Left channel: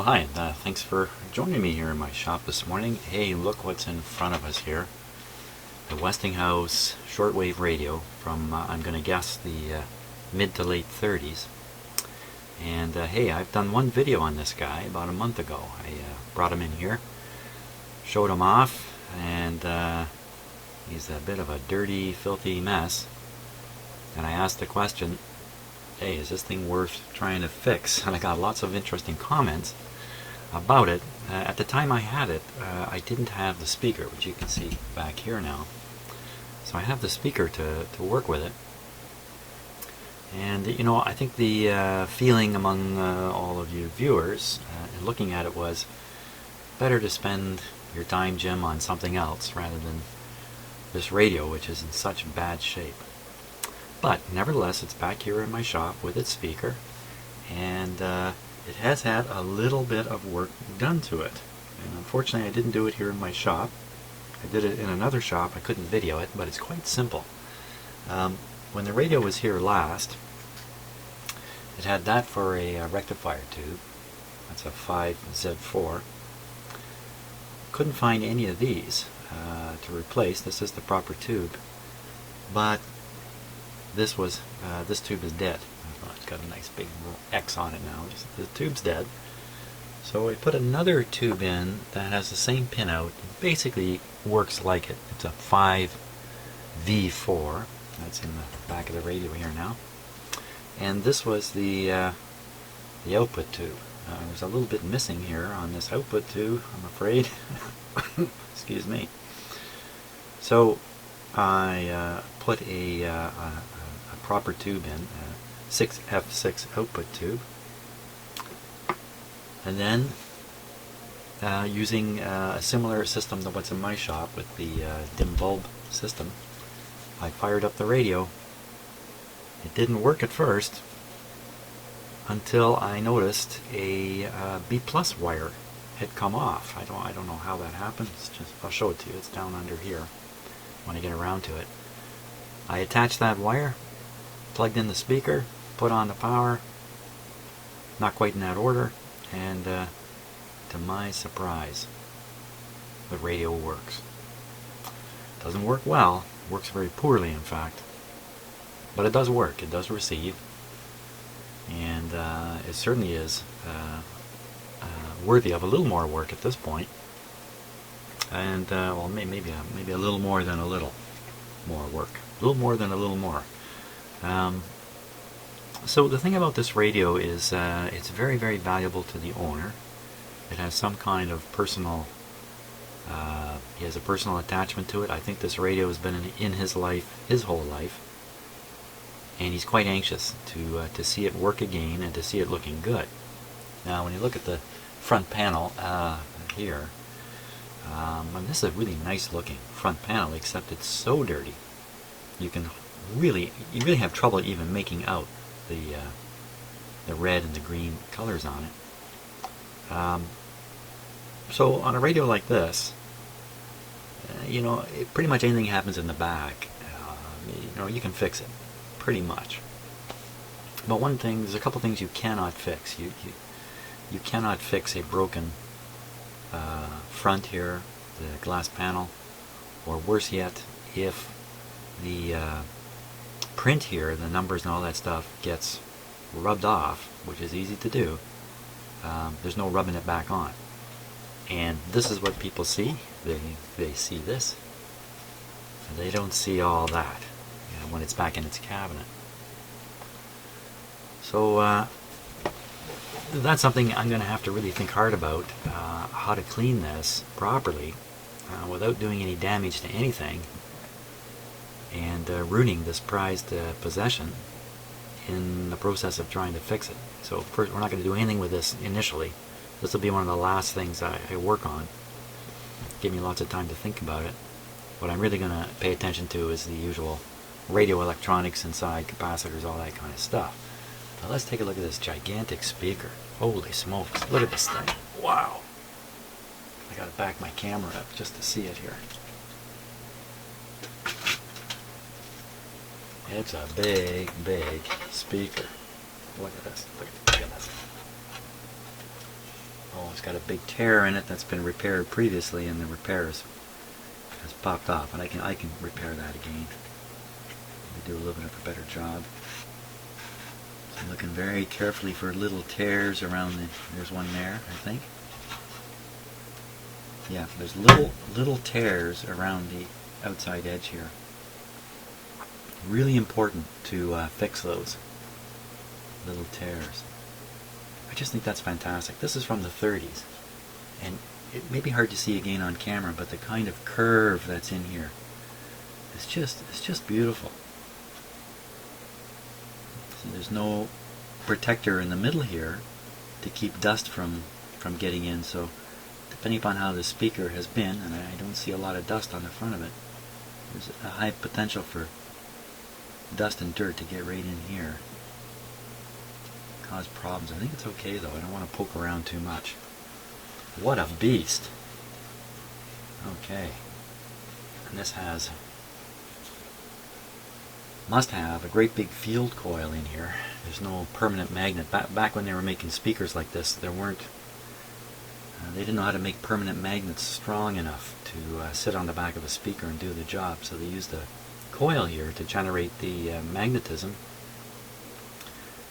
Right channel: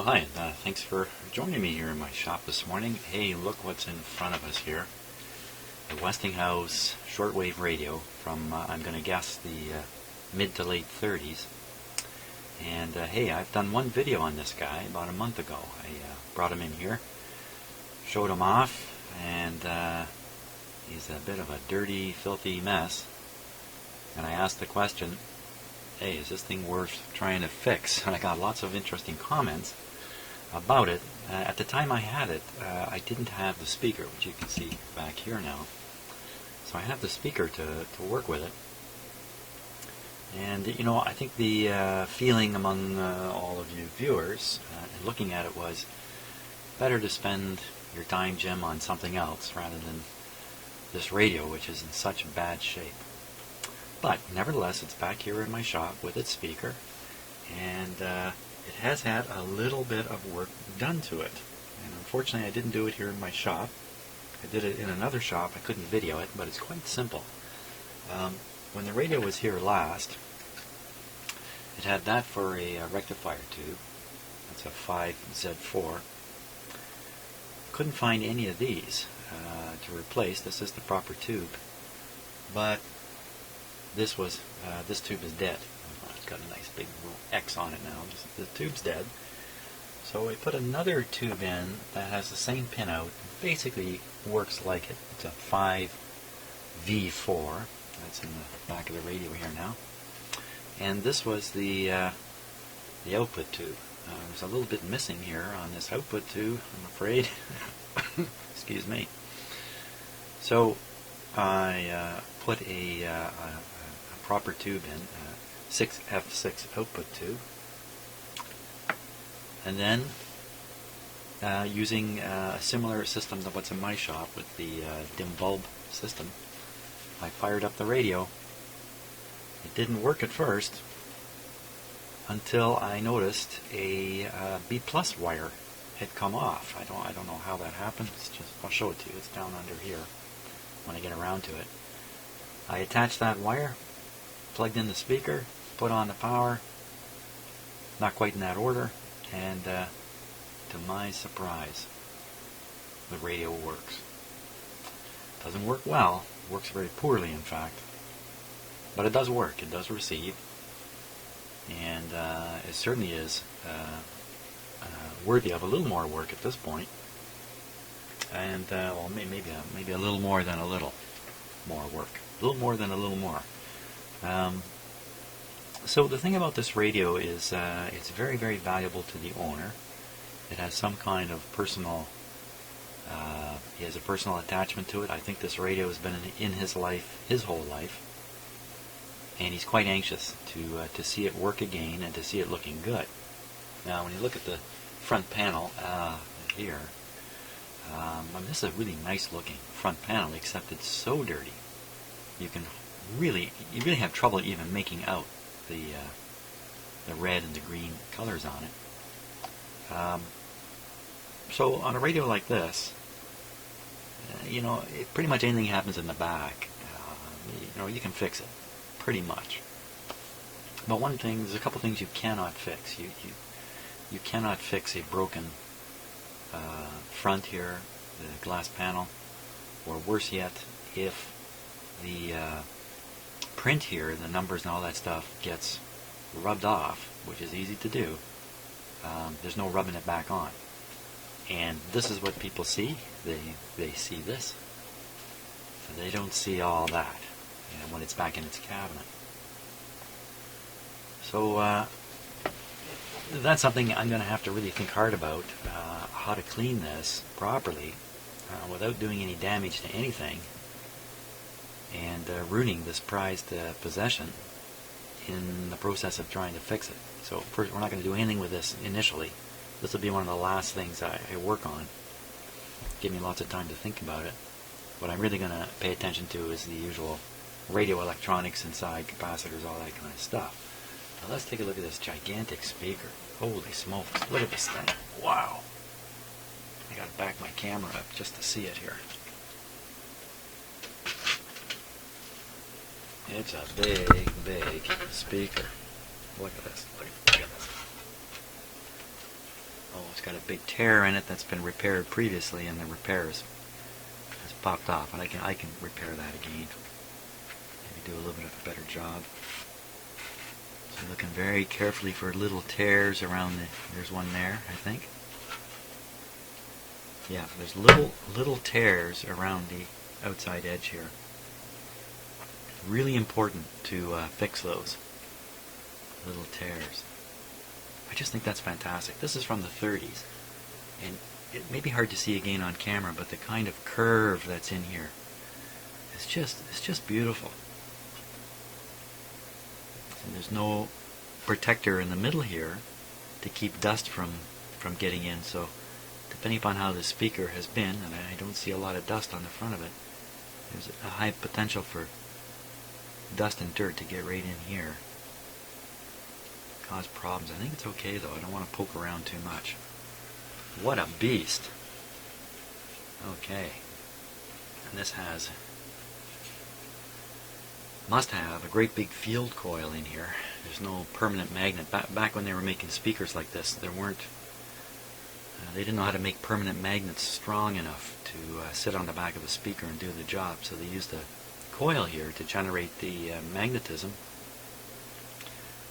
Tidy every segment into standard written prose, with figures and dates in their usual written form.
Well, hi, and thanks for joining me here in my shop this morning. Hey, look what's in front of us here. The Westinghouse shortwave radio from, I'm going to guess, the mid to late 30s. And hey, I've done one video on this guy about a month ago. I brought him in here, showed him off, and he's a bit of a dirty, filthy mess. And I asked the question, hey, is this thing worth trying to fix? And I got lots of interesting comments about it. At the time I had it, I didn't have the speaker, which you can see back here now. So I have the speaker to work with it. And, you know, I think the feeling among all of you viewers in looking at it was better to spend your time, Jim, on something else rather than this radio, which is in such bad shape. But nevertheless, it's back here in my shop with its speaker, and it has had a little bit of work done to it. And unfortunately, I didn't do it here in my shop. I did it in another shop. I couldn't video it, but it's quite simple. When the radio was here last, it had that for a rectifier tube. That's a 5Z4. Couldn't find any of these to replace. This is the proper tube, but this tube is dead. It's got a nice big X on it now. The tube's dead. So we put another tube in that has the same pin out. Basically works like it. It's a 5V4. That's in the back of the radio here now. And this was the output tube. There's a little bit missing here on this output tube, I'm afraid. Excuse me. So I put a proper tube in, 6F6 output tube, and then using a similar system to what's in my shop with the dim bulb system, I fired up the radio. It didn't work at first until I noticed a B plus wire had come off. I don't know how that happened. I'll show it to you. It's down under here when I get around to it. I attached that wire, plugged in the speaker, put on the power, not quite in that order, and to my surprise, the radio works. Doesn't work well, works very poorly in fact, but it does work, it does receive, and it certainly is worthy of a little more work at this point, and well, maybe a little more than a little more work. A little more than a little more. So the thing about this radio is it's very, very valuable to the owner. It has some kind of personal, he has a personal attachment to it. I think this radio has been in his life, his whole life, and he's quite anxious to see it work again and to see it looking good. Now when you look at the front panel here, this is a really nice looking front panel, except it's so dirty. You really have trouble even making out the red and the green colors on it. So on a radio like this, you know, pretty much anything happens in the back, you know, you can fix it, pretty much. But there's a couple things you cannot fix. You cannot fix a broken front here, the glass panel, or worse yet, if the print here, the numbers and all that stuff, gets rubbed off, which is easy to do. There's no rubbing it back on. And this is what people see. They see this. They don't see all that, you know, when it's back in its cabinet. So that's something I'm going to have to really think hard about, how to clean this properly without doing any damage to anything, and ruining this prized possession in the process of trying to fix it. So first, we're not going to do anything with this initially. This will be one of the last things I work on. Give me lots of time to think about it. What I'm really going to pay attention to is the usual radio electronics inside, capacitors, all that kind of stuff. Now let's take a look at this gigantic speaker. Holy smokes, look at this thing. Wow. I got to back my camera up just to see it here. It's a big, big speaker. Look at this. Look at this. It's got a big tear in it that's been repaired previously, and the repairs has popped off. And I can repair that again. Maybe do a little bit of a better job. So I'm looking very carefully for little tears around the. There's one there, I think. Yeah, there's little tears around the outside edge here. Really important to fix those little tears. I just think that's fantastic. This is from the 30s, and it may be hard to see again on camera, but the kind of curve that's in here is just beautiful. So there's no protector in the middle here to keep dust from getting in. So depending upon how the speaker has been, and I don't see a lot of dust on the front of it, there's a high potential for dust and dirt to get right in here. Cause problems. I think it's okay though. I don't want to poke around too much. What a beast. Okay. And this must have a great big field coil in here. There's no permanent magnet. Back when they were making speakers like this, there weren't they didn't know how to make permanent magnets strong enough to sit on the back of the speaker and do the job, so they used a coil here to generate the magnetism.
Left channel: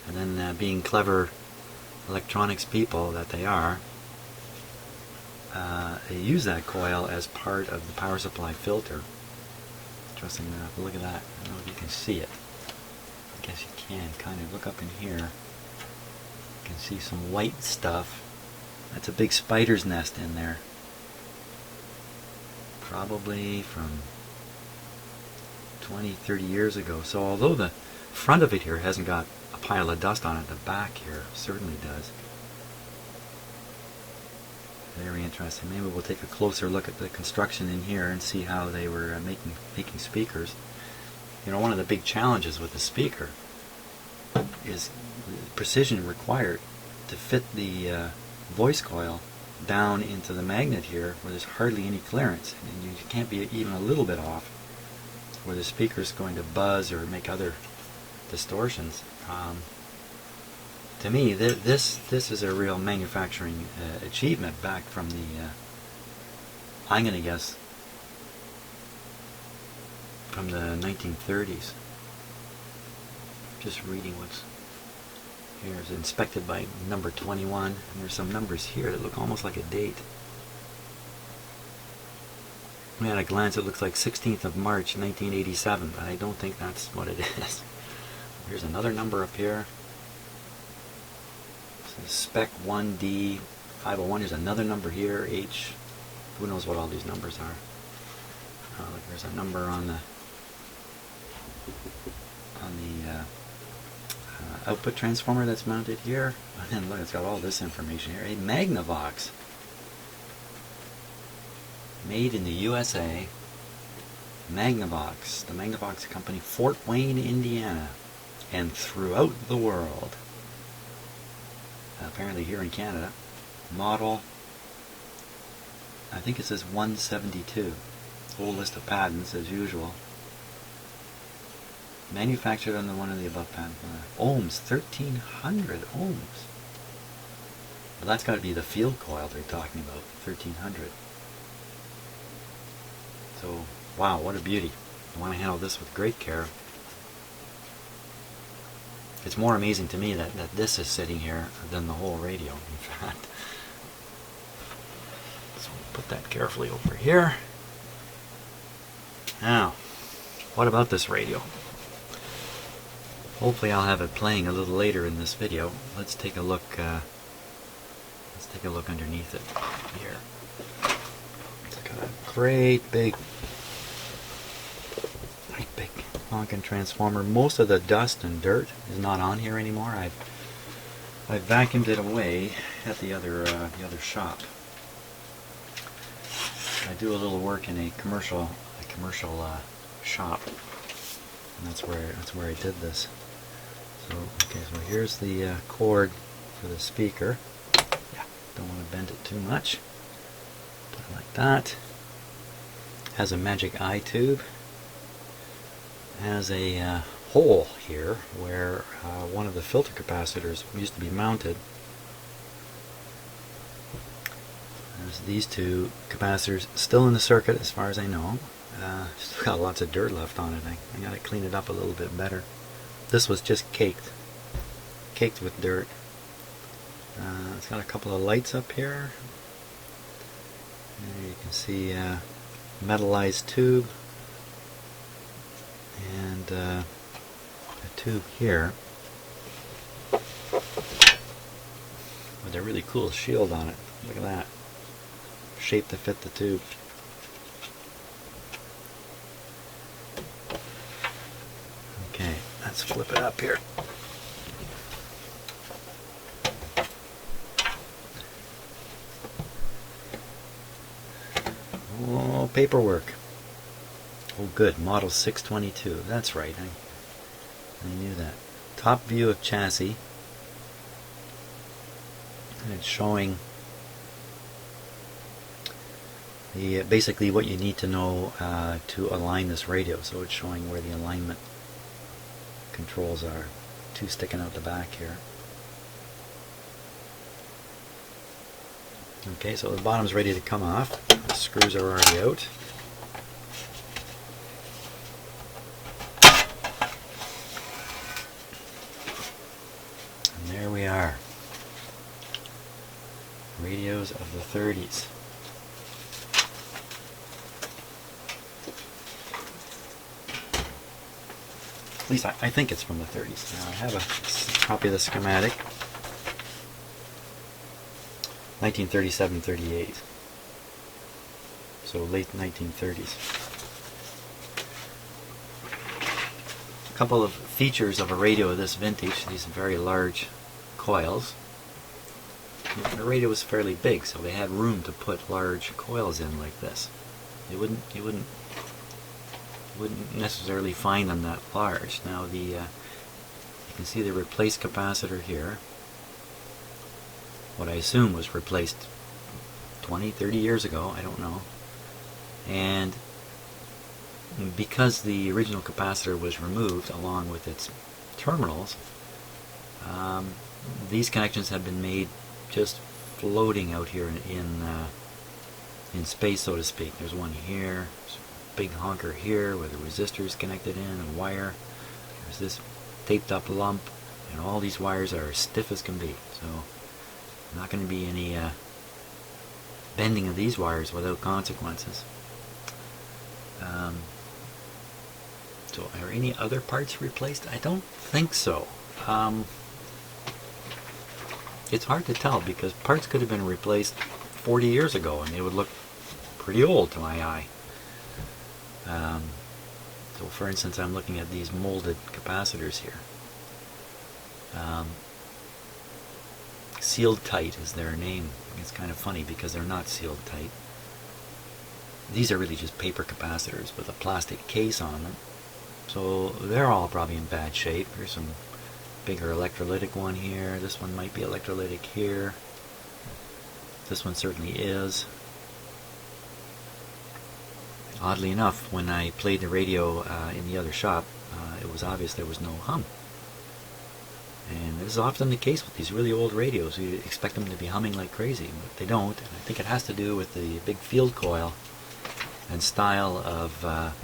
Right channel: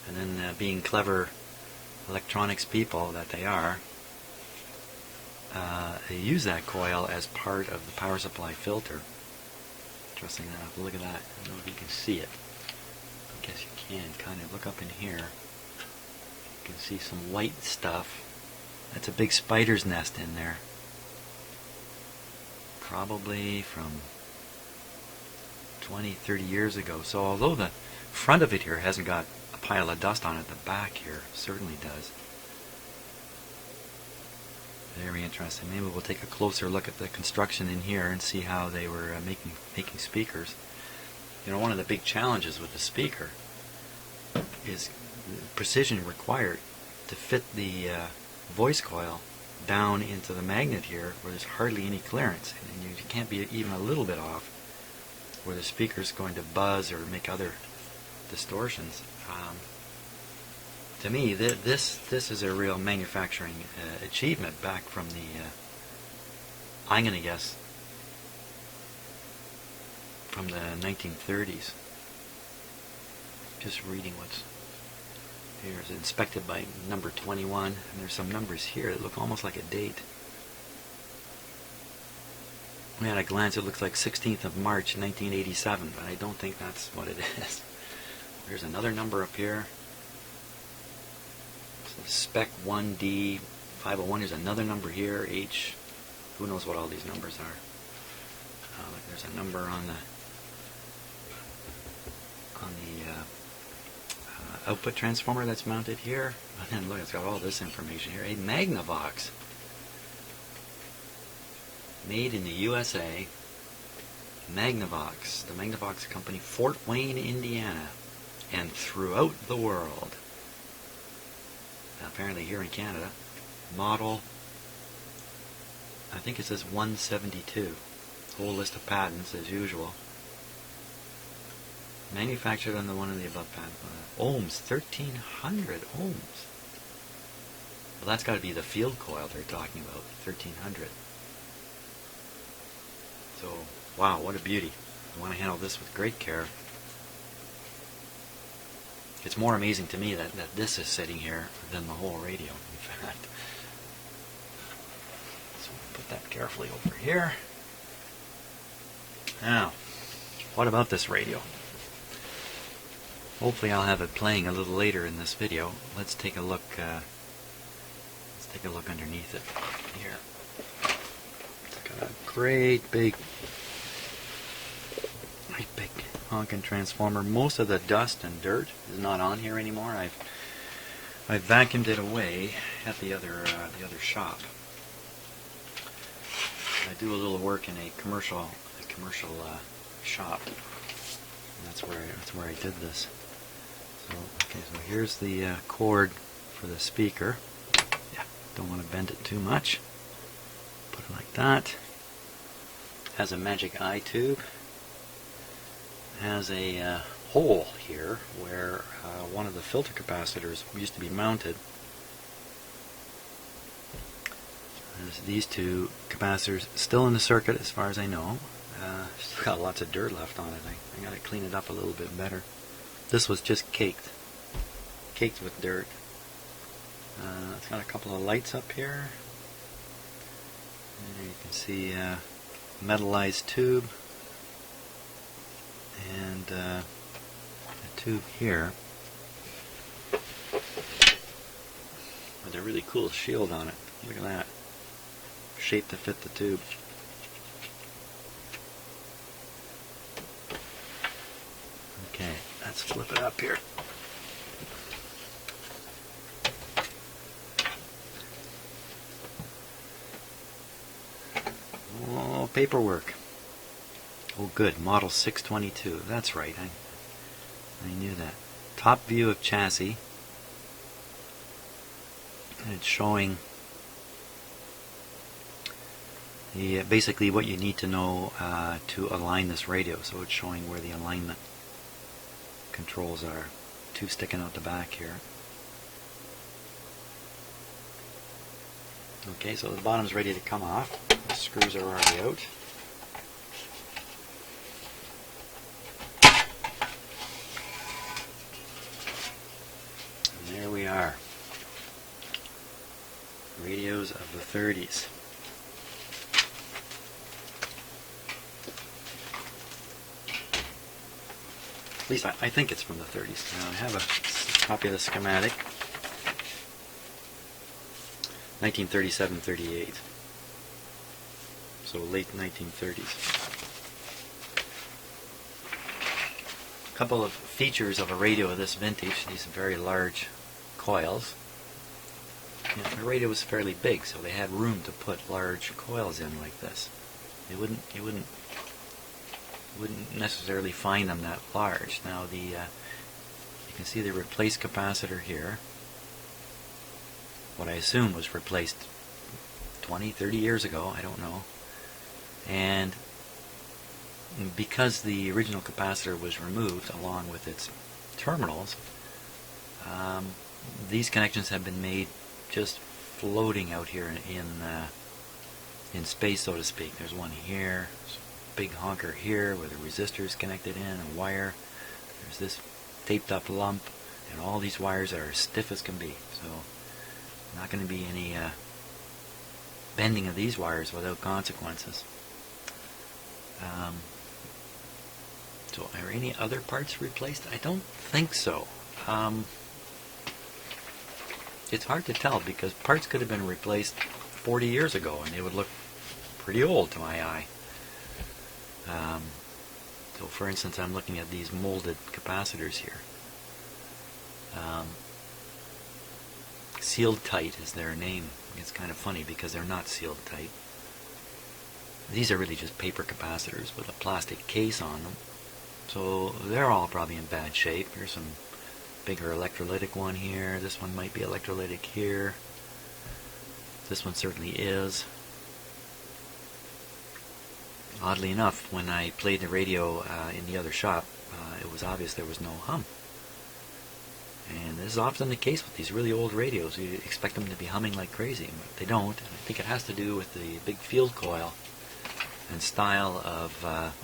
And then being clever electronics people that they are, they use that coil as part of the power supply filter. Interesting enough. Look at that. I don't know if you can see it. I guess you can. Kind of look up in here. You can see some white stuff. That's a big spider's nest in there. Probably from 20, 30 years ago. So although the front of it here hasn't got a pile of dust on it, the back here certainly does. Very interesting. Maybe we'll take a closer look at the construction in here and see how they were making speakers. You know, one of the big challenges with the speaker is the precision required to fit the voice coil down into the magnet here where there's hardly any clearance, and you can't be even a little bit off where the speaker's going to buzz or make other distortions. To me, this is a real manufacturing achievement back from the, I'm going to guess, from the 1930s. Just reading what's here. It's inspected by number 21, and there's some numbers here that look almost like a date. At a glance, it looks like 16th of March, 1987, but I don't think that's what it is. There's another number up here. Spec 1D 501. There's another number here. H. Who knows what all these numbers are? There's a number on the output transformer that's mounted here. And then look, it's got all this information here. A Magnavox, made in the USA. Magnavox, the Magnavox company, Fort Wayne, Indiana, and throughout the world. Apparently here in Canada. Model, I think it says 172. Whole list of patents as usual. Manufactured under one of the above patents. Ohms, 1300 ohms. Well, that's got to be the field coil they're talking about, 1300. So, wow, what a beauty. I want to handle this with great care. It's more amazing to me that this is sitting here than the whole radio, in fact. So we'll put that carefully over here. Now, what about this radio? Hopefully I'll have it playing a little later in this video. Let's take a look. Let's take a look underneath it here. It's got a great big honking transformer. Most of the dust and dirt is not on here anymore. I've vacuumed it away at the other shop. I do a little work in a commercial shop, and that's where I did this. So okay, so here's the cord for the speaker. Yeah, don't want to bend it too much. Put it like that. Has a magic eye tube. Has a hole here where one of the filter capacitors used to be mounted. There's these two capacitors still in the circuit as far as I know. It's got lots of dirt left on it. I gotta clean it up a little bit better. This was just caked with dirt. It's got a couple of lights up here. And you can see metallized tube and a tube here with a really cool shield on it. Look at that. Shaped to fit the tube. Okay, let's flip it up here. Oh, paperwork. Oh good, model 622. That's right, I knew that. Top view of chassis. And it's showing basically what you need to know to align this radio. So it's showing where the alignment controls are. Two sticking out the back here. Okay, so the bottom's ready to come off. The screws are already out. And there we are. Radios of the 30s. At least I think it's from the 30s. Now I have a copy of the schematic. 1937-38. So late 1930s. A couple of features of a radio of this vintage, these very large coils. The radio was fairly big, so they had room to put large coils in like this. You wouldn't necessarily find them that large. Now you can see the replaced capacitor here. What I assume was replaced 20, 30 years ago, I don't know. And because the original capacitor was removed along with its terminals, these connections have been made just floating out here in space, so to speak. There's one here, there's a big honker here with resistors connected in, a wire. There's this taped up lump, and all these wires are as stiff as can be. So not going to be any bending of these wires without consequences. So are any other parts replaced? I don't think so. It's hard to tell because parts could have been replaced 40 years ago and they would look pretty old to my eye. So for instance, I'm looking at these molded capacitors here. Sealed tight is their name. It's kind of funny because they're not sealed tight. These are really just paper capacitors with a plastic case on them. So they're all probably in bad shape. Here's some bigger electrolytic one here. This one might be electrolytic here. This one certainly is. Oddly enough, when I played the radio in the other shop, it was obvious there was no hum. And this is often the case with these really old radios. You expect them to be humming like crazy, but they don't. And I think it has to do with the big field coil and style of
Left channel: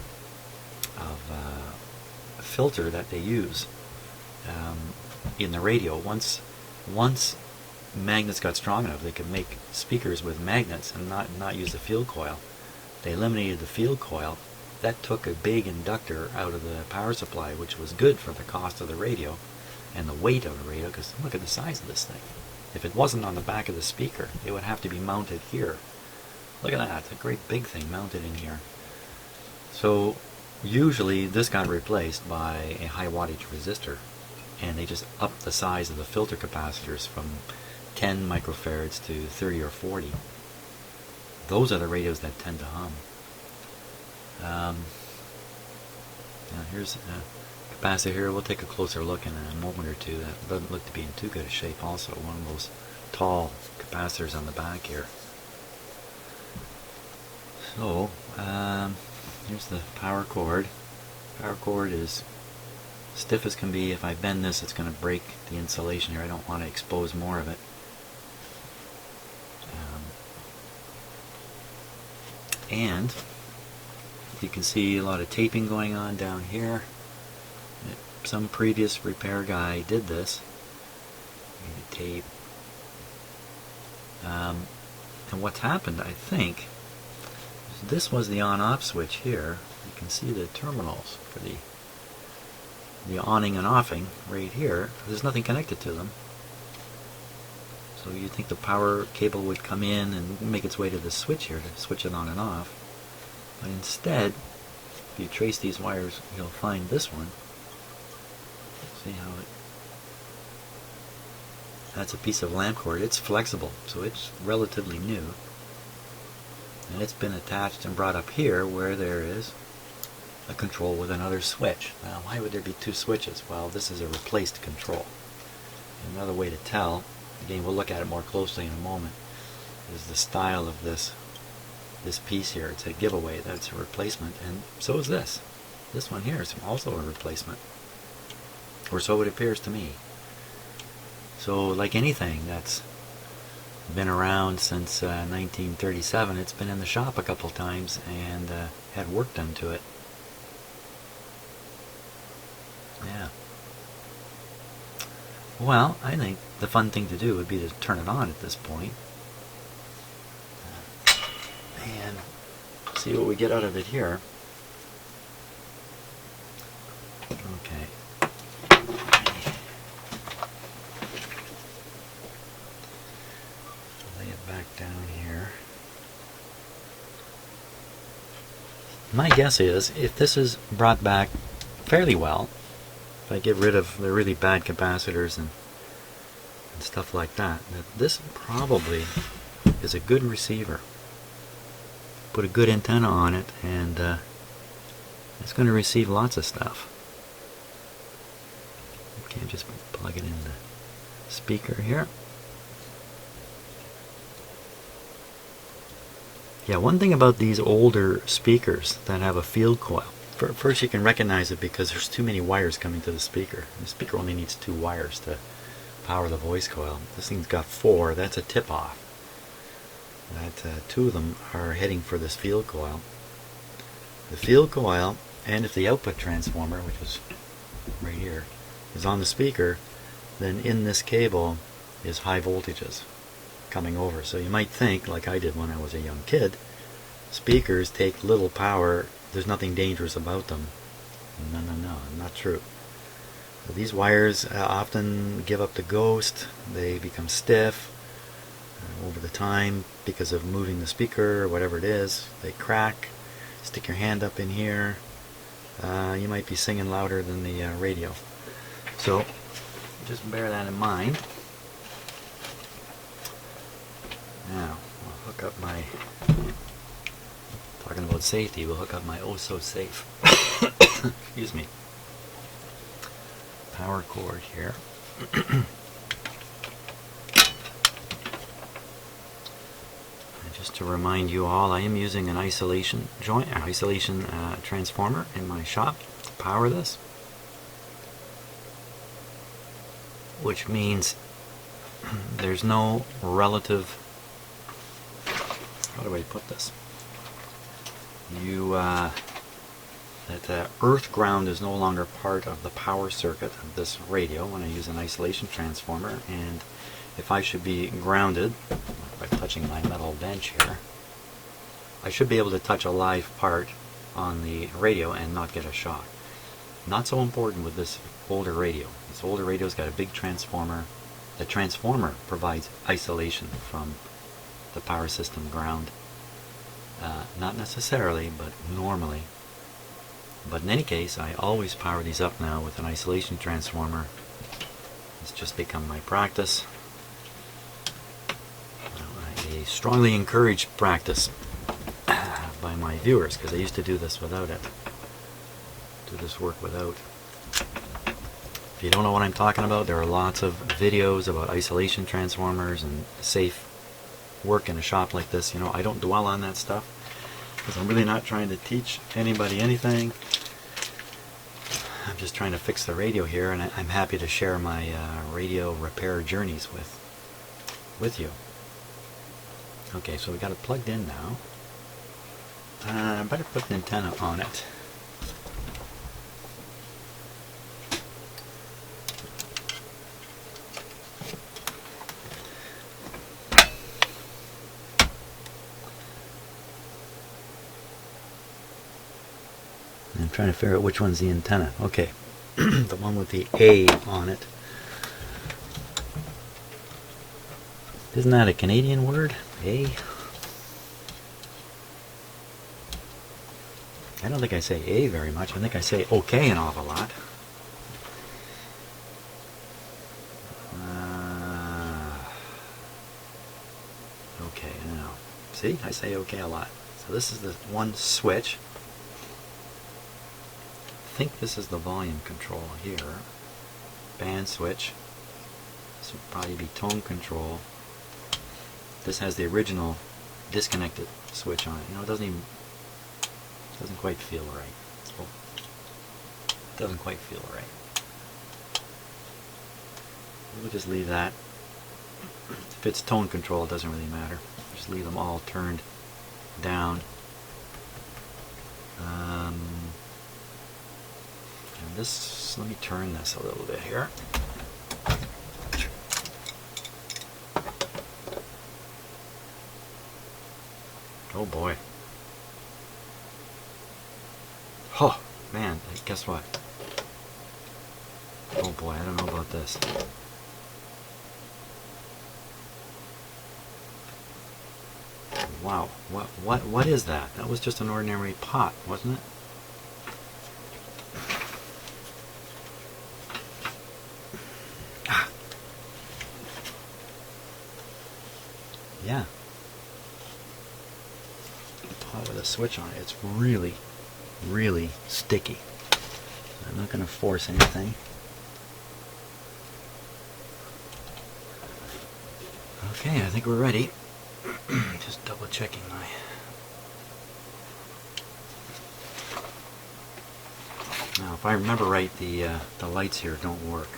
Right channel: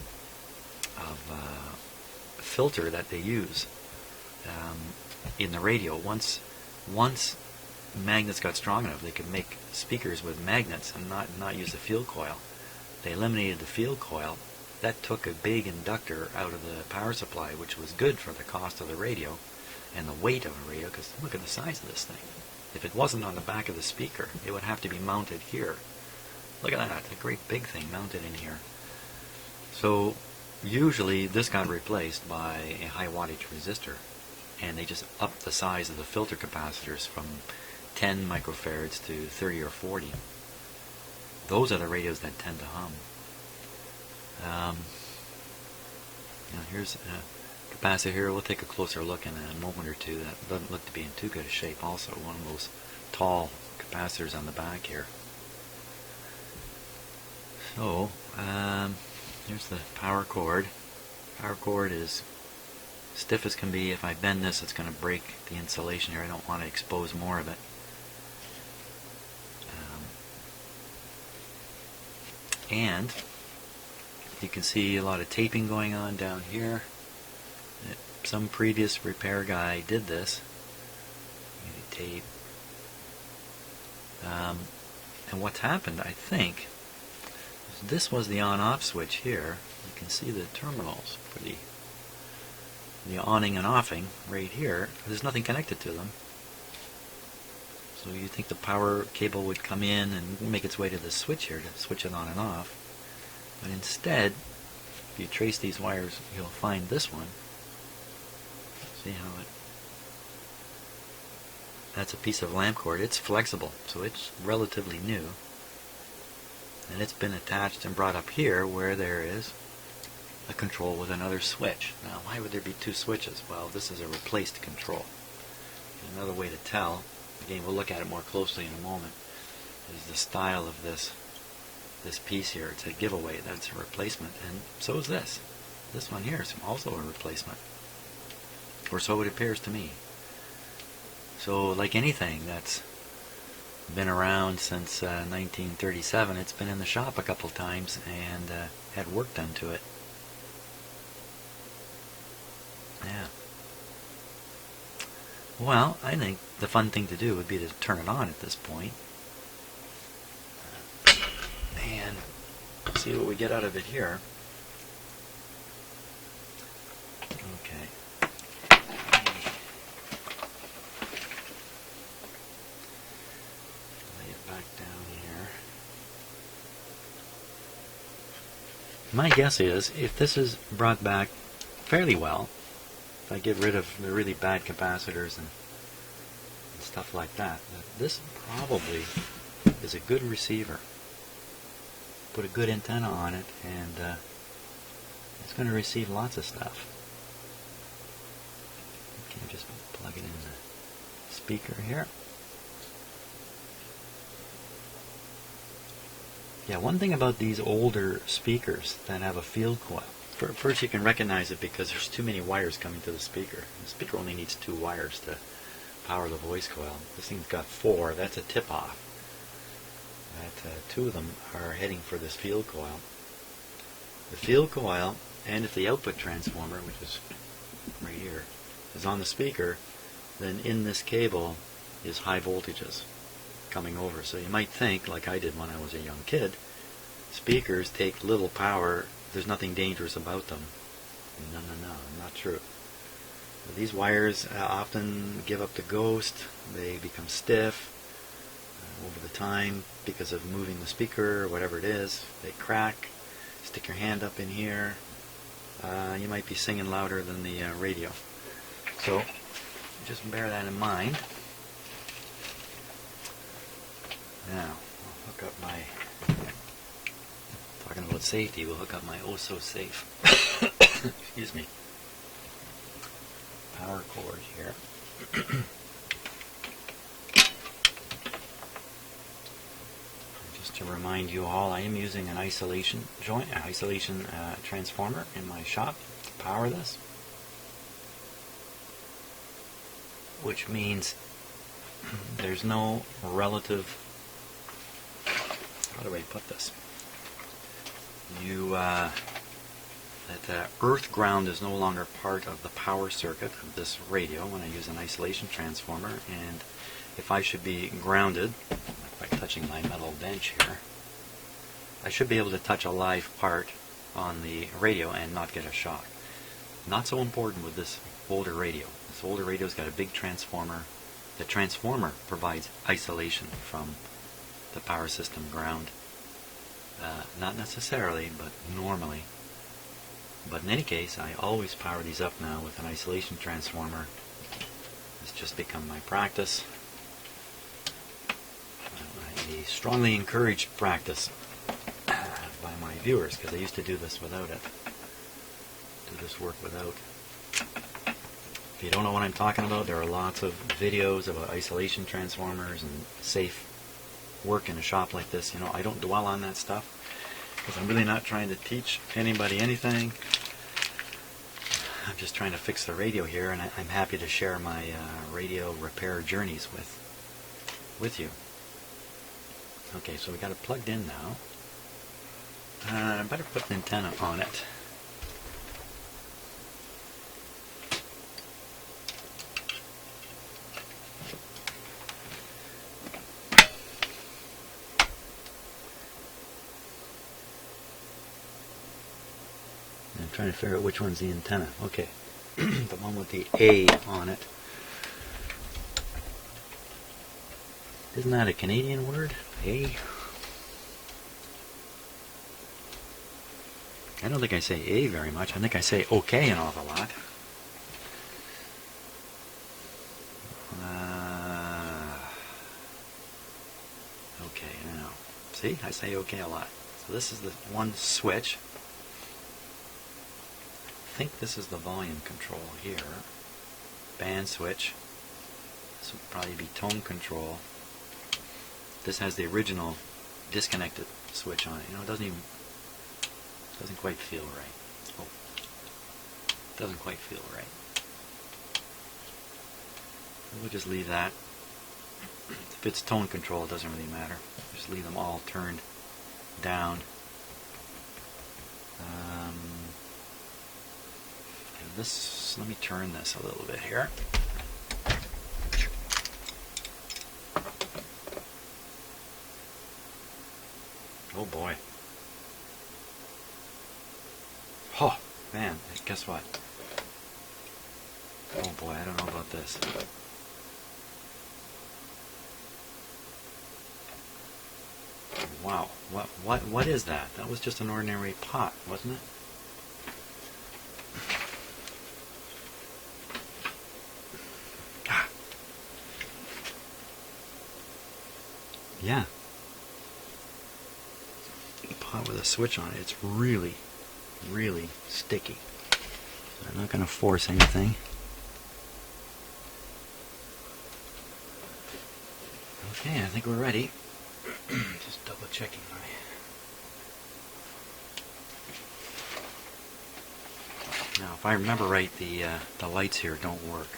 filter that they use in the radio. Once magnets got strong enough, they could make speakers with magnets and not use the field coil. They eliminated the field coil. That took a big inductor out of the power supply, which was good for the cost of the radio and the weight of the radio, because look at the size of this thing. If it wasn't on the back of the speaker, it would have to be mounted here. Look at that, it's a great big thing mounted in here. So usually this got replaced by a high wattage resistor, and they just upped the size of the filter capacitors from 10 microfarads to 30 or 40. Those are the radios that tend to hum. Now here's a capacitor here. We'll take a closer look in a moment or two. That doesn't look to be in too good a shape also. One of those tall capacitors on the back here. So, here's the power cord. Power cord is stiff as can be. If I bend this, it's going to break the insulation here. I don't want to expose more of it. And you can see a lot of taping going on down here. Some previous repair guy did this. Tape. And what's happened, I think, is this was the on-off switch here. You can see the terminals for the onning and offing right here. There's nothing connected to them. So you'd think the power cable would come in and make its way to the switch here to switch it on and off. But instead, if you trace these wires, you'll find this one. See how that's a piece of lamp cord. It's flexible, so it's relatively new. And it's been attached and brought up here where there is a control with another switch. Now, why would there be two switches? Well, this is a replaced control. Another way to tell, again, we'll look at it more closely in a moment, is the style of this piece here. It's a giveaway. That's a replacement, and so is this. This one here is also a replacement, or so it appears to me. So, like anything that's been around since 1937, it's been in the shop a couple times and had work done to it. Yeah. Well, I think the fun thing to do would be to turn it on at this point. And see what we get out of it here. Okay. Lay it back down here. My guess is, if this is brought back fairly well, if I get rid of the really bad capacitors and stuff like that, that this probably is a good receiver. Put a good antenna on it, and it's going to receive lots of stuff. Okay, just plug it in the speaker here. Yeah, one thing about these older speakers that have a field coil, first you can recognize it because there's too many wires coming to the speaker. The speaker only needs 2 wires to power the voice coil. This thing's got 4. That's a tip-off. That 2 of them are heading for this field coil. The field coil, and if the output transformer, which is right here, is on the speaker, then in this cable is high voltages coming over. So you might think, like I did when I was a young kid, speakers take little power, there's nothing dangerous about them. No, not true. These wires often give up the ghost, they become stiff over the time because of moving the speaker or whatever it is. They crack. Stick your hand up in here. You might be singing louder than the radio. So just bear that in mind. Now, we'll hook up my, talking about safety, we'll hook up my oh-so-safe, excuse me, power cord here. And just to remind you all, I am using an isolation transformer in my shop to power this, which means there's no relative, how do I put this? That the earth ground is no longer part of the power circuit of this radio when I use an isolation transformer, and if I should be grounded, like by touching my metal bench here, I should be able to touch a live part on the radio and not get a shock. Not so important with this older radio. This older radio's got a big transformer. The transformer provides isolation from the power system ground. Not necessarily, but normally. But in any case, I always power these up now with an isolation transformer. It's just become my practice. A strongly encouraged practice by my viewers, because I used to do this without it. Do this work without. If you don't know what I'm talking about, there are lots of videos about isolation transformers and safe work in a shop like this. You know, I don't dwell on that stuff because I'm really not trying to teach anybody anything. I'm just trying to fix the radio here, and I'm happy to share my radio repair journeys with you. Okay, so we got it plugged in now. I better put an antenna on it. I'm trying to figure out which one's the antenna. Okay, the one with the A on it. Isn't that a Canadian word? A? I don't think I say A very much. I think I say okay an awful lot. Okay, now. See, I say okay a lot. So this is the one switch. I think this is the volume control here. Band switch. This would probably be tone control. This has the original disconnected switch on it. You know, it doesn't quite feel right. Oh, it doesn't quite feel right. We'll just leave that. If it's tone control, it doesn't really matter. Just leave them all turned down. And this, let me turn this a little bit here. Oh boy. Oh man, guess what? Oh boy, I don't know about this. Wow, what is that? That was just an ordinary pot, wasn't it? Ah. Yeah. Pot with a switch on it. It's really, really sticky. I'm not going to force anything. Okay, I think we're ready. Just double checking my... Now, if I remember right, the lights here don't work.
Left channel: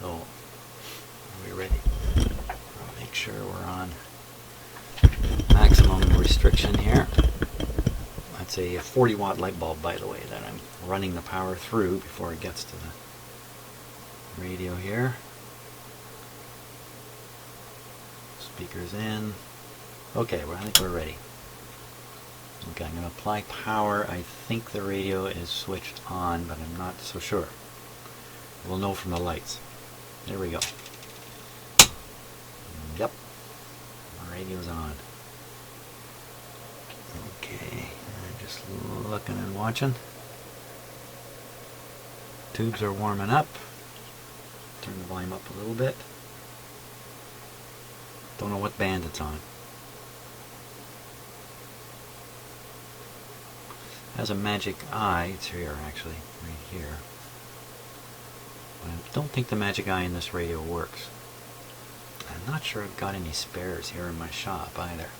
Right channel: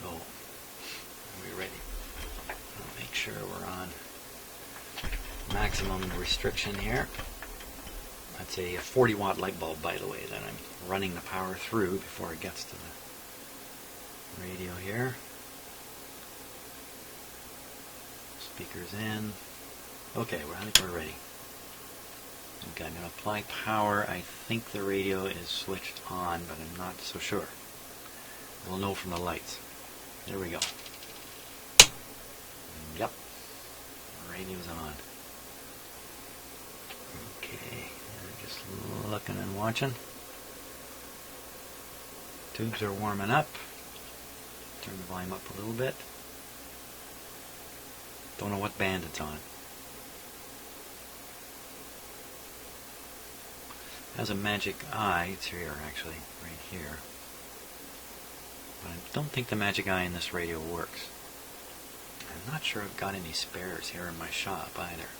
So, are we ready? I'll make sure we're on maximum restriction here. That's a 40 watt light bulb, by the way, that I'm running the power through before it gets to the radio here. Speakers in. Okay, I think we're ready. Okay, I'm going to apply power. I think the radio is switched on, but I'm not so sure. We'll know from the lights. There we go. Yep. The radio's on. Okay, I'm just looking and watching. Tubes are warming up. Turn the volume up a little bit. Don't know what band it's on. It has a magic eye. It's here, actually, right here. But I don't think the magic eye in this radio works. I'm not sure I've got any spares here in my shop either.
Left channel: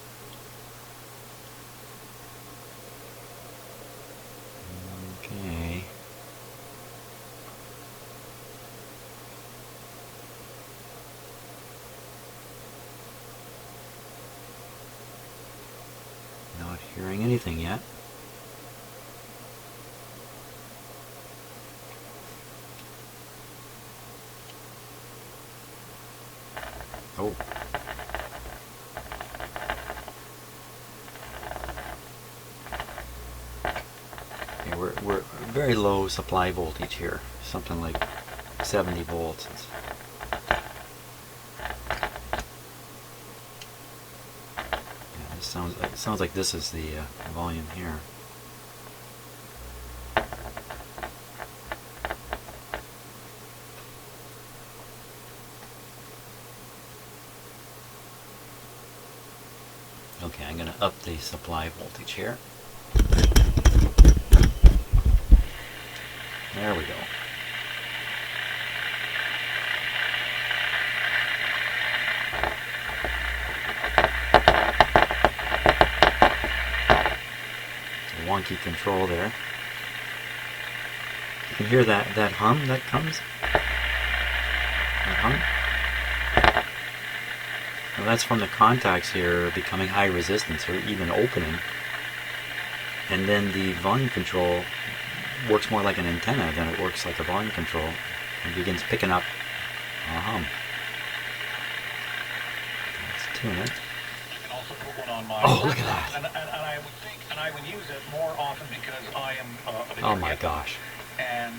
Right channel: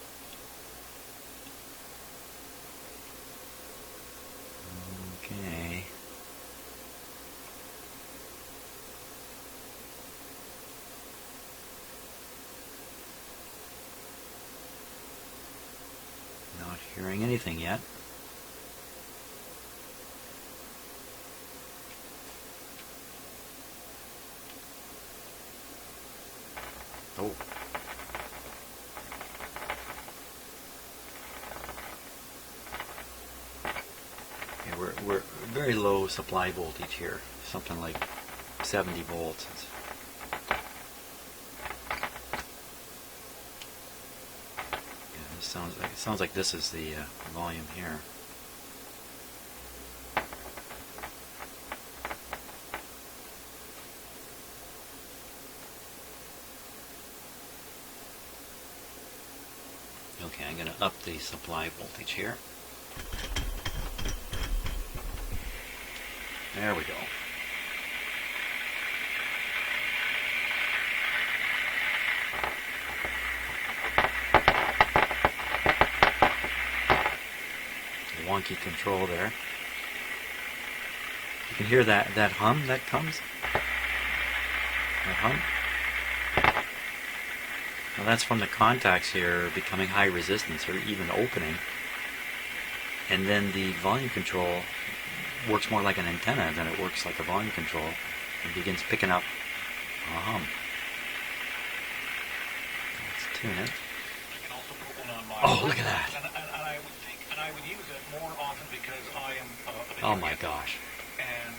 Okay. Not hearing anything yet. Oh. Okay, we're very low supply voltage here. Something like 70 volts. Yeah, this sounds like this is the volume here. Okay, I'm going to up the supply voltage here. There we go. Wonky control there. You can hear that hum that comes. That hum. Now that's from the contacts here becoming high resistance or even opening. And then the volume control works more like an antenna than it works like a volume control. It begins picking up a hum. Let's tune it. Oh, look at that. And I would use it more often because I am oh my gosh. And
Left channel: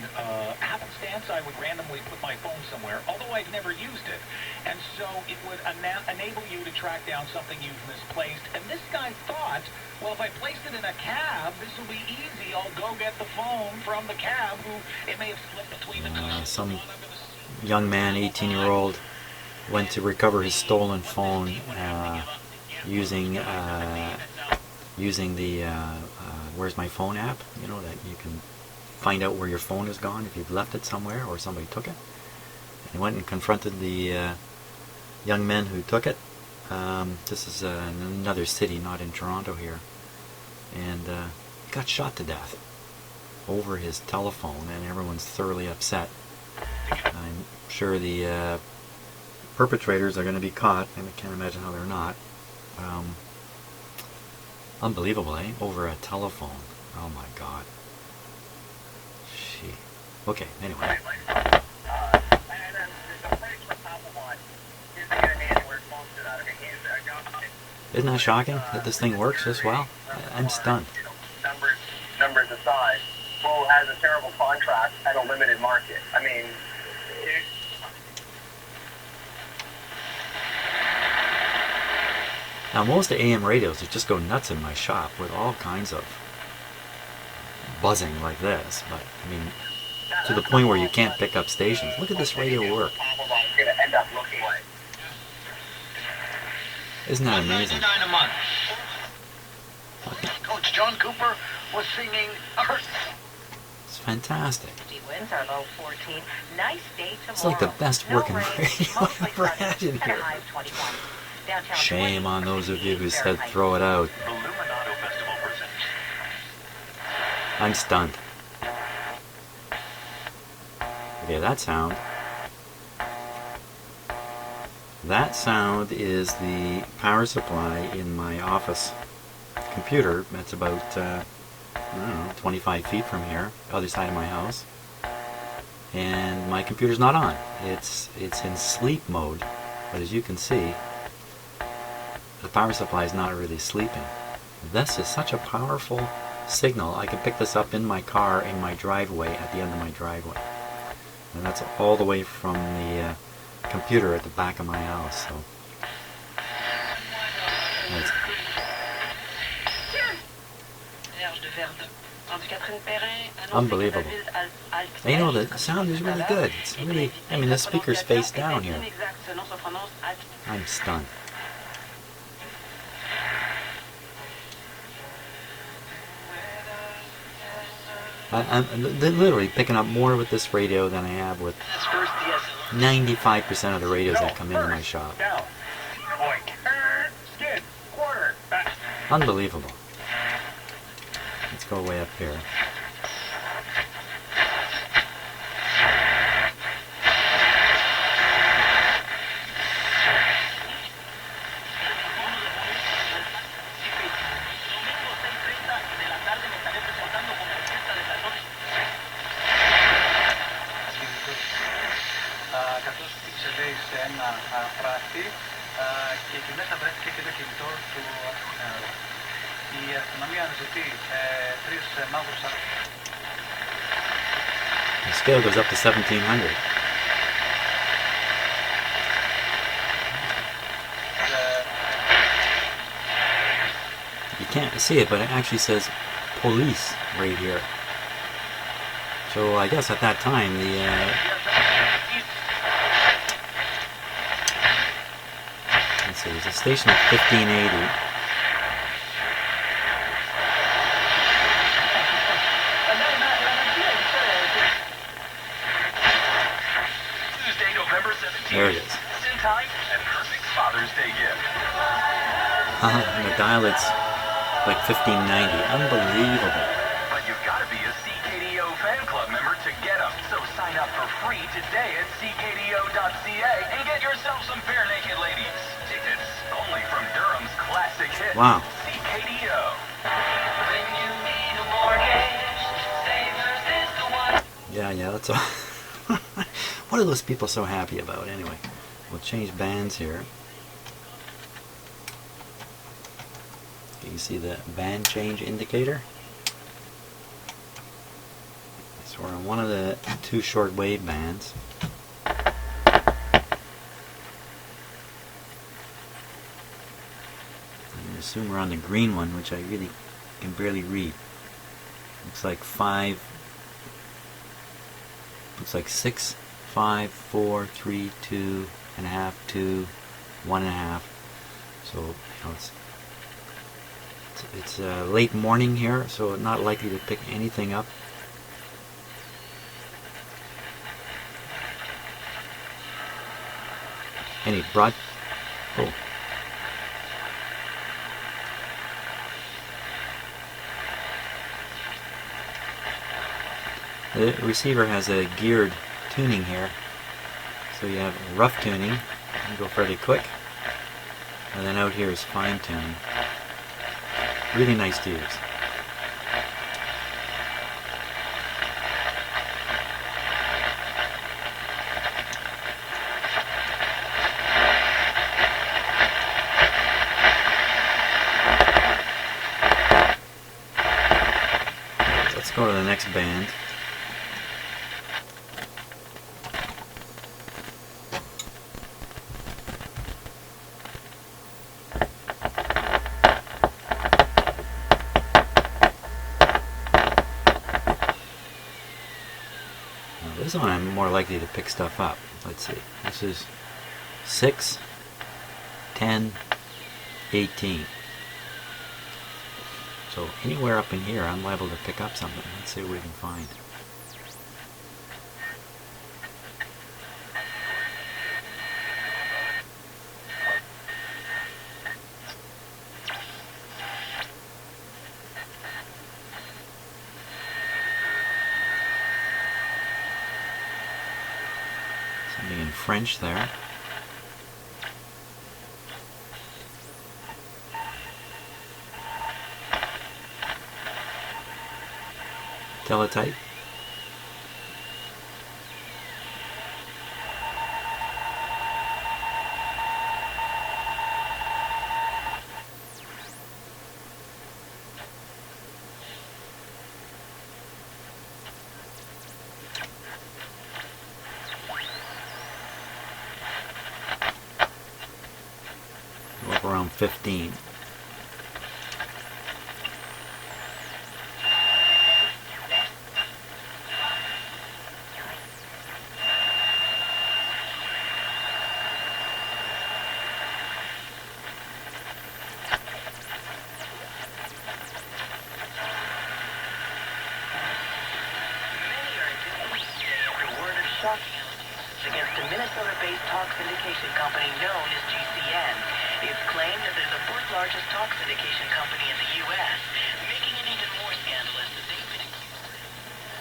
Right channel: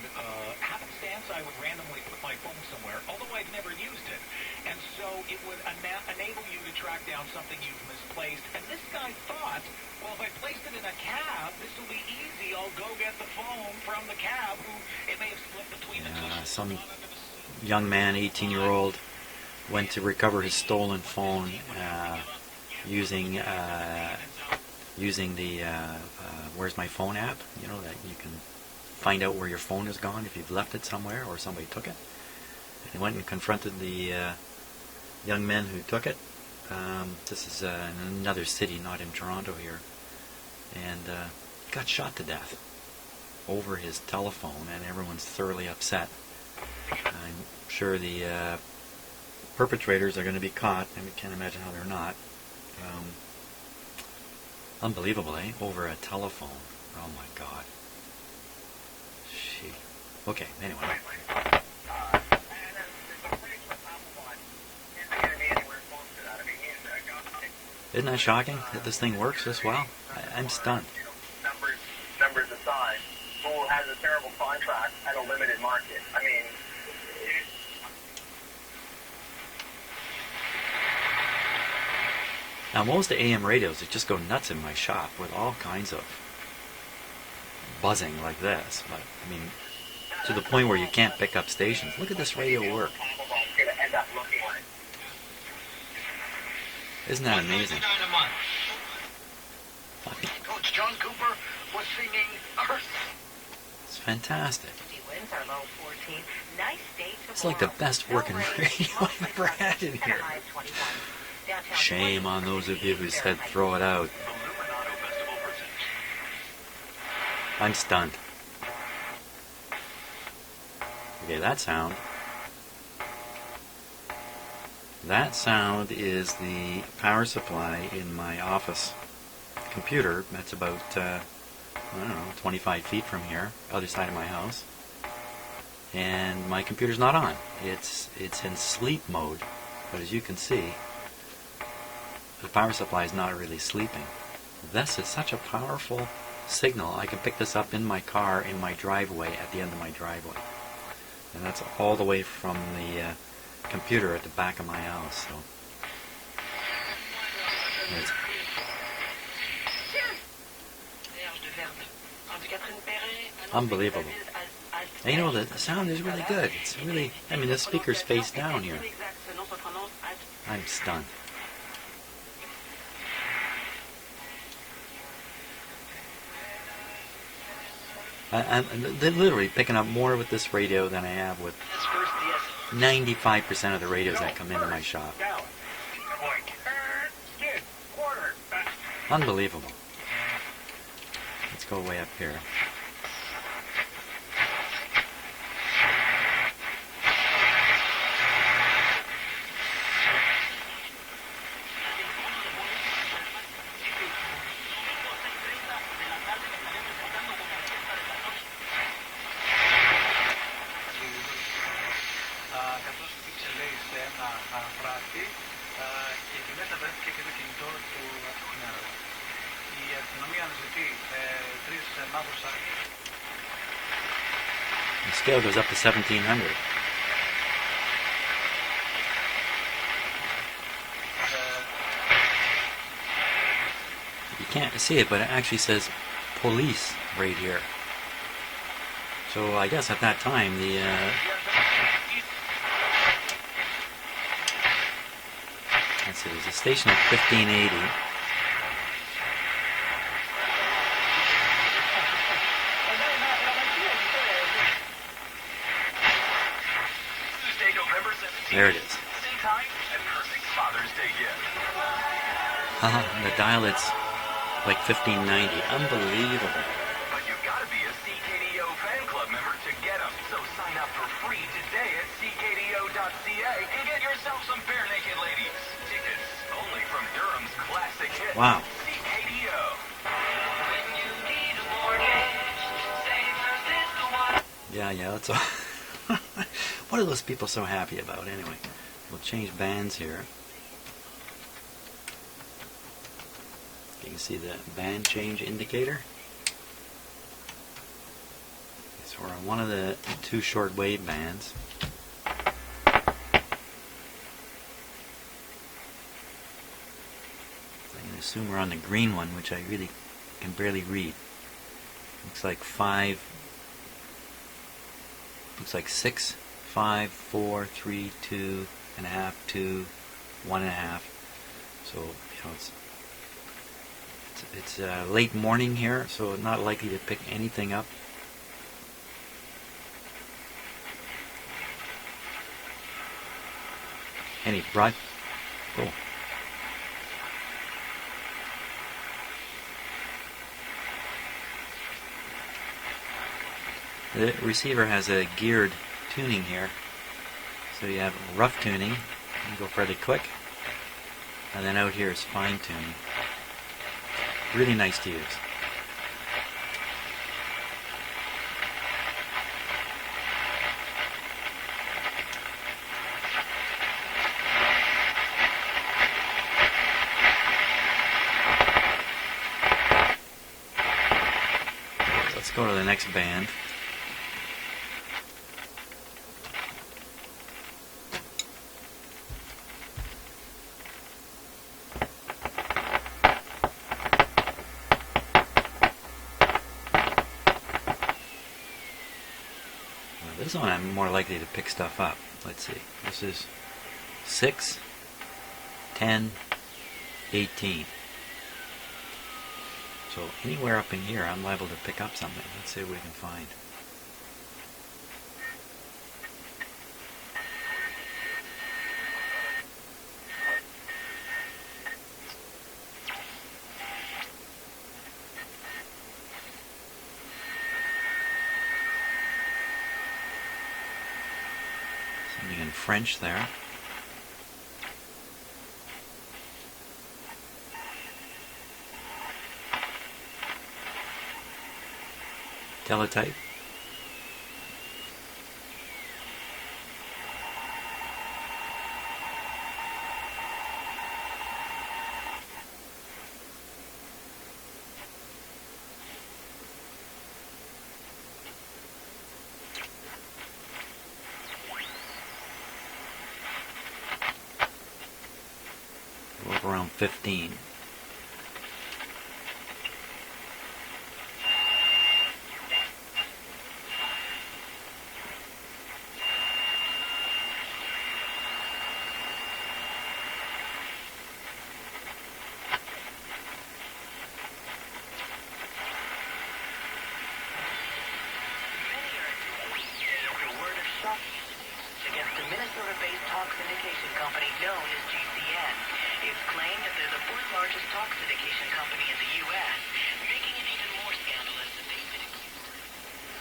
happenstance, I would randomly put my phone somewhere, although I've never used it. And so it would enable you to track down something you've misplaced. And this guy thought, well, if I placed it in a cab, this will be easy. I'll go get the phone from the cab, who it may have slipped between the two. Some young man, 18-year-old, went to recover his stolen phone using the Where's My Phone app. You know, that you can find out where your phone is gone if you've left it somewhere or somebody took it. And he went and confronted the young men who took it. This is in another city, not in Toronto here. And he got shot to death over his telephone, and everyone's thoroughly upset. I'm sure the perpetrators are going to be caught. I can't imagine how they're not. Unbelievable, eh? Over a telephone. Oh my God. Gee. Okay, anyway. Isn't that shocking that this thing works this well? I'm stunned. Numbers aside, who has a terrible contract at a limited market? I mean, now most of AM radios, it just go nuts in my shop with all kinds of buzzing like this, but I mean, to the point where you can't pick up stations. Look at this radio work. Isn't that amazing? Coach John Cooper was singing Earth. It's fantastic. Winds are low 14. Nice day tomorrow. It's like the best working radio I've ever had in here. Shame on those of you who said throw it out. I'm stunned. Okay, that sound. That sound is the power supply in my office computer. That's about, I don't know, 25 feet from here, other side of my house. And my computer's not on. It's in sleep mode. But as you can see, the power supply is not really sleeping. This is such a powerful signal. I can pick this up in my car, in my driveway, at the end of my driveway. And that's all the way from the computer at the back of my house. So it's unbelievable. And you know, the sound is really good. It's really, I mean, the speaker's face down here. I'm stunned. I'm literally picking up more with this radio than I have with 95% of the radios that come into my shop. Unbelievable. Let's go way up here. The scale goes up to 1700. You can't see it, but it actually says police right here. So I guess at that time let's see, there's a station at 1580. There it is. And the dial, it's like 1590. Unbelievable. But you've got to be a CKDO fan club member to get them. So sign up for free today at ckdo.ca and get yourself some bare naked ladies. Tickets. Wow. CKDO. Yeah, that's all. What are those people so happy about anyway? We'll change bands here. You can see the band change indicator. So we're on one of the two shortwave bands. I assume we're on the green one, which I really can barely read. Looks like 6, 5, 4, 3, 2 and a half, 2, 1 and a half. So it's late morning here, so not likely to pick anything up. Any broad? Oh. The receiver has a geared tuning here. So you have rough tuning, you go fairly quick, and then out here is fine tuning. Really nice to use. Let's go to the next band. This one I'm more likely to pick stuff up. Let's see. This is 6, 10, 18. So anywhere up in here I'm liable to pick up something. Let's see what we can find. Something in French there. Teletype. Look around 15. Against a Minnesota-based talk syndication company known as GCN. It's claimed that they're the fourth largest talk syndication company in the U.S., making it even more scandalous that they've been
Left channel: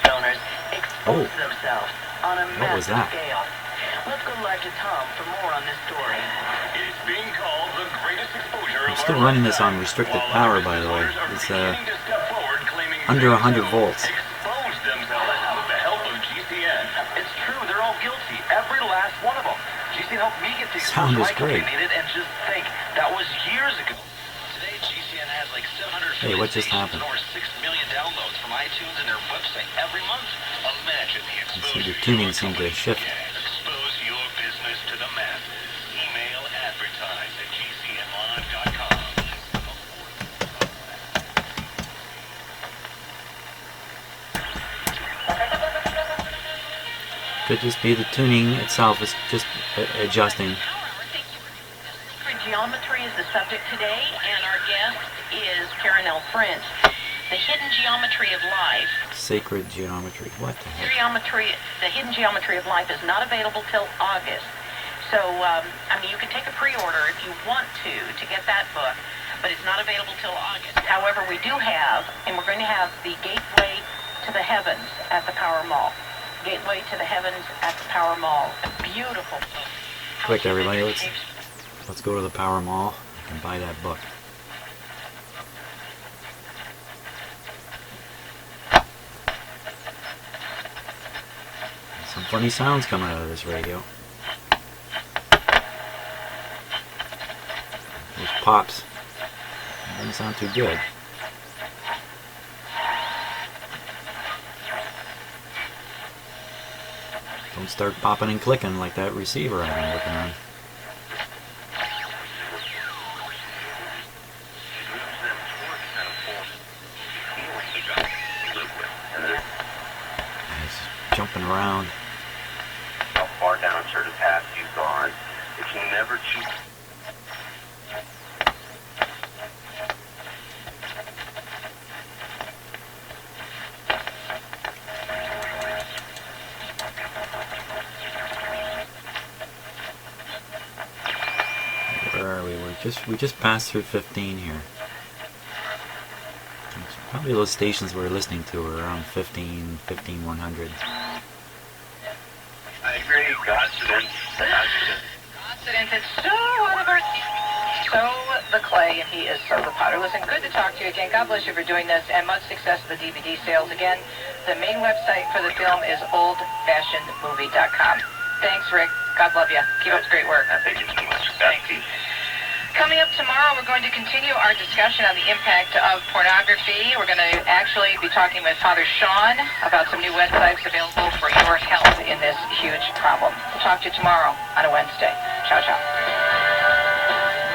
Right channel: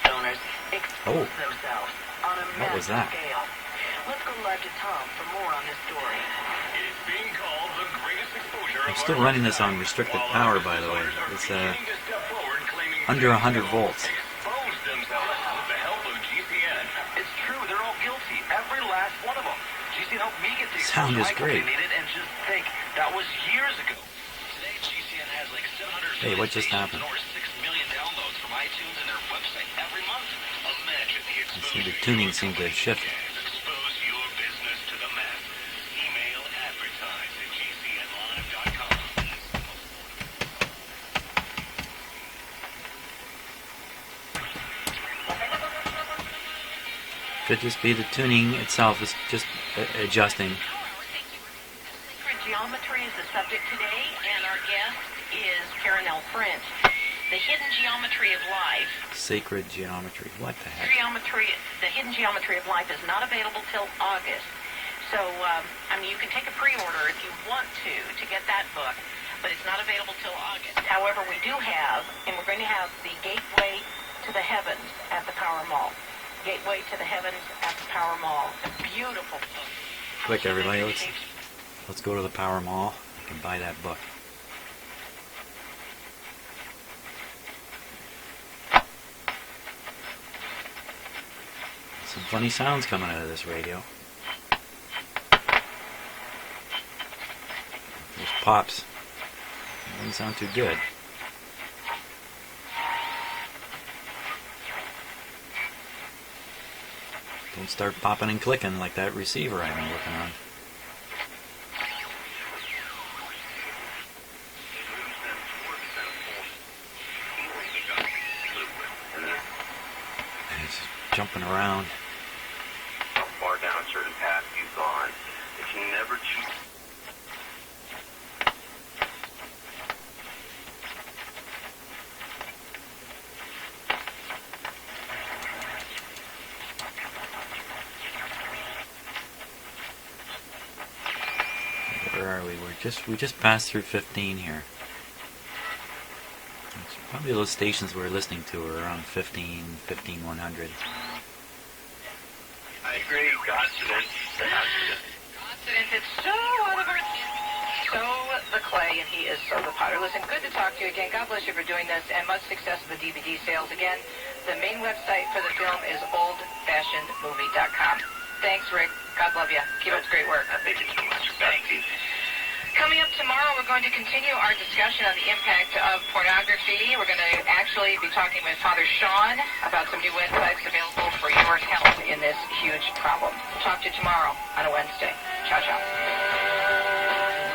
donors expose themselves on a massive scale. Let's go live to Tom for more on this story. It's being called the greatest exposure. I'm still running this on restricted power, by the way. It's under 100 volts. Expose themselves with the help of GCN. It's true, they're all guilty. Every last one of them. GCN helped me get the Sound is great. needed, and just think, that was years ago. Today, GCN has like 700 Hey, what just happened? and over 6 million downloads from iTunes and their website every month. Imagine the exposure. See, the tuning seems to shift. Expose your business to the masses. Email advertise at gcnlive.com. Could just be the tuning itself is just adjusting. Geometry is the subject today, and our guest is Karen L. French. The hidden geometry of life. Sacred geometry. What the heck? The hidden geometry of life is not available till August. So, you can take a pre-order if you want to get that book, but it's not available till August. However, we do have, and we're going to have the Gateway to the Heavens at the Power Mall. Gateway to the Heavens at the Power Mall. A beautiful book. Quick, everybody, let's go to the Power Mall. I can buy that book. Funny sounds coming out of this radio. Those pops. Doesn't sound too good. Don't start popping and clicking like that receiver I've been working on. It's jumping around. How far down certain paths you've gone, if you never choose. Where are we? We just passed through 15 here. So probably those stations we're listening to are around 15, 100. I agree, accident. It's so out of our So the clay, and he is so the potter. Listen, good to talk to you again. God bless you for doing this, and much success with the DVD sales. Again, the main website for the film is oldfashionedmovie.com. Thanks, Rick. God love you. Keep up the great work. Thank you so much. Thanks. Coming up tomorrow, we're going to continue our discussion on the impact of pornography. We're going to actually be talking with Father Sean about some new websites available for your help in this huge problem. We'll talk to you tomorrow on a Wednesday. Ciao, ciao.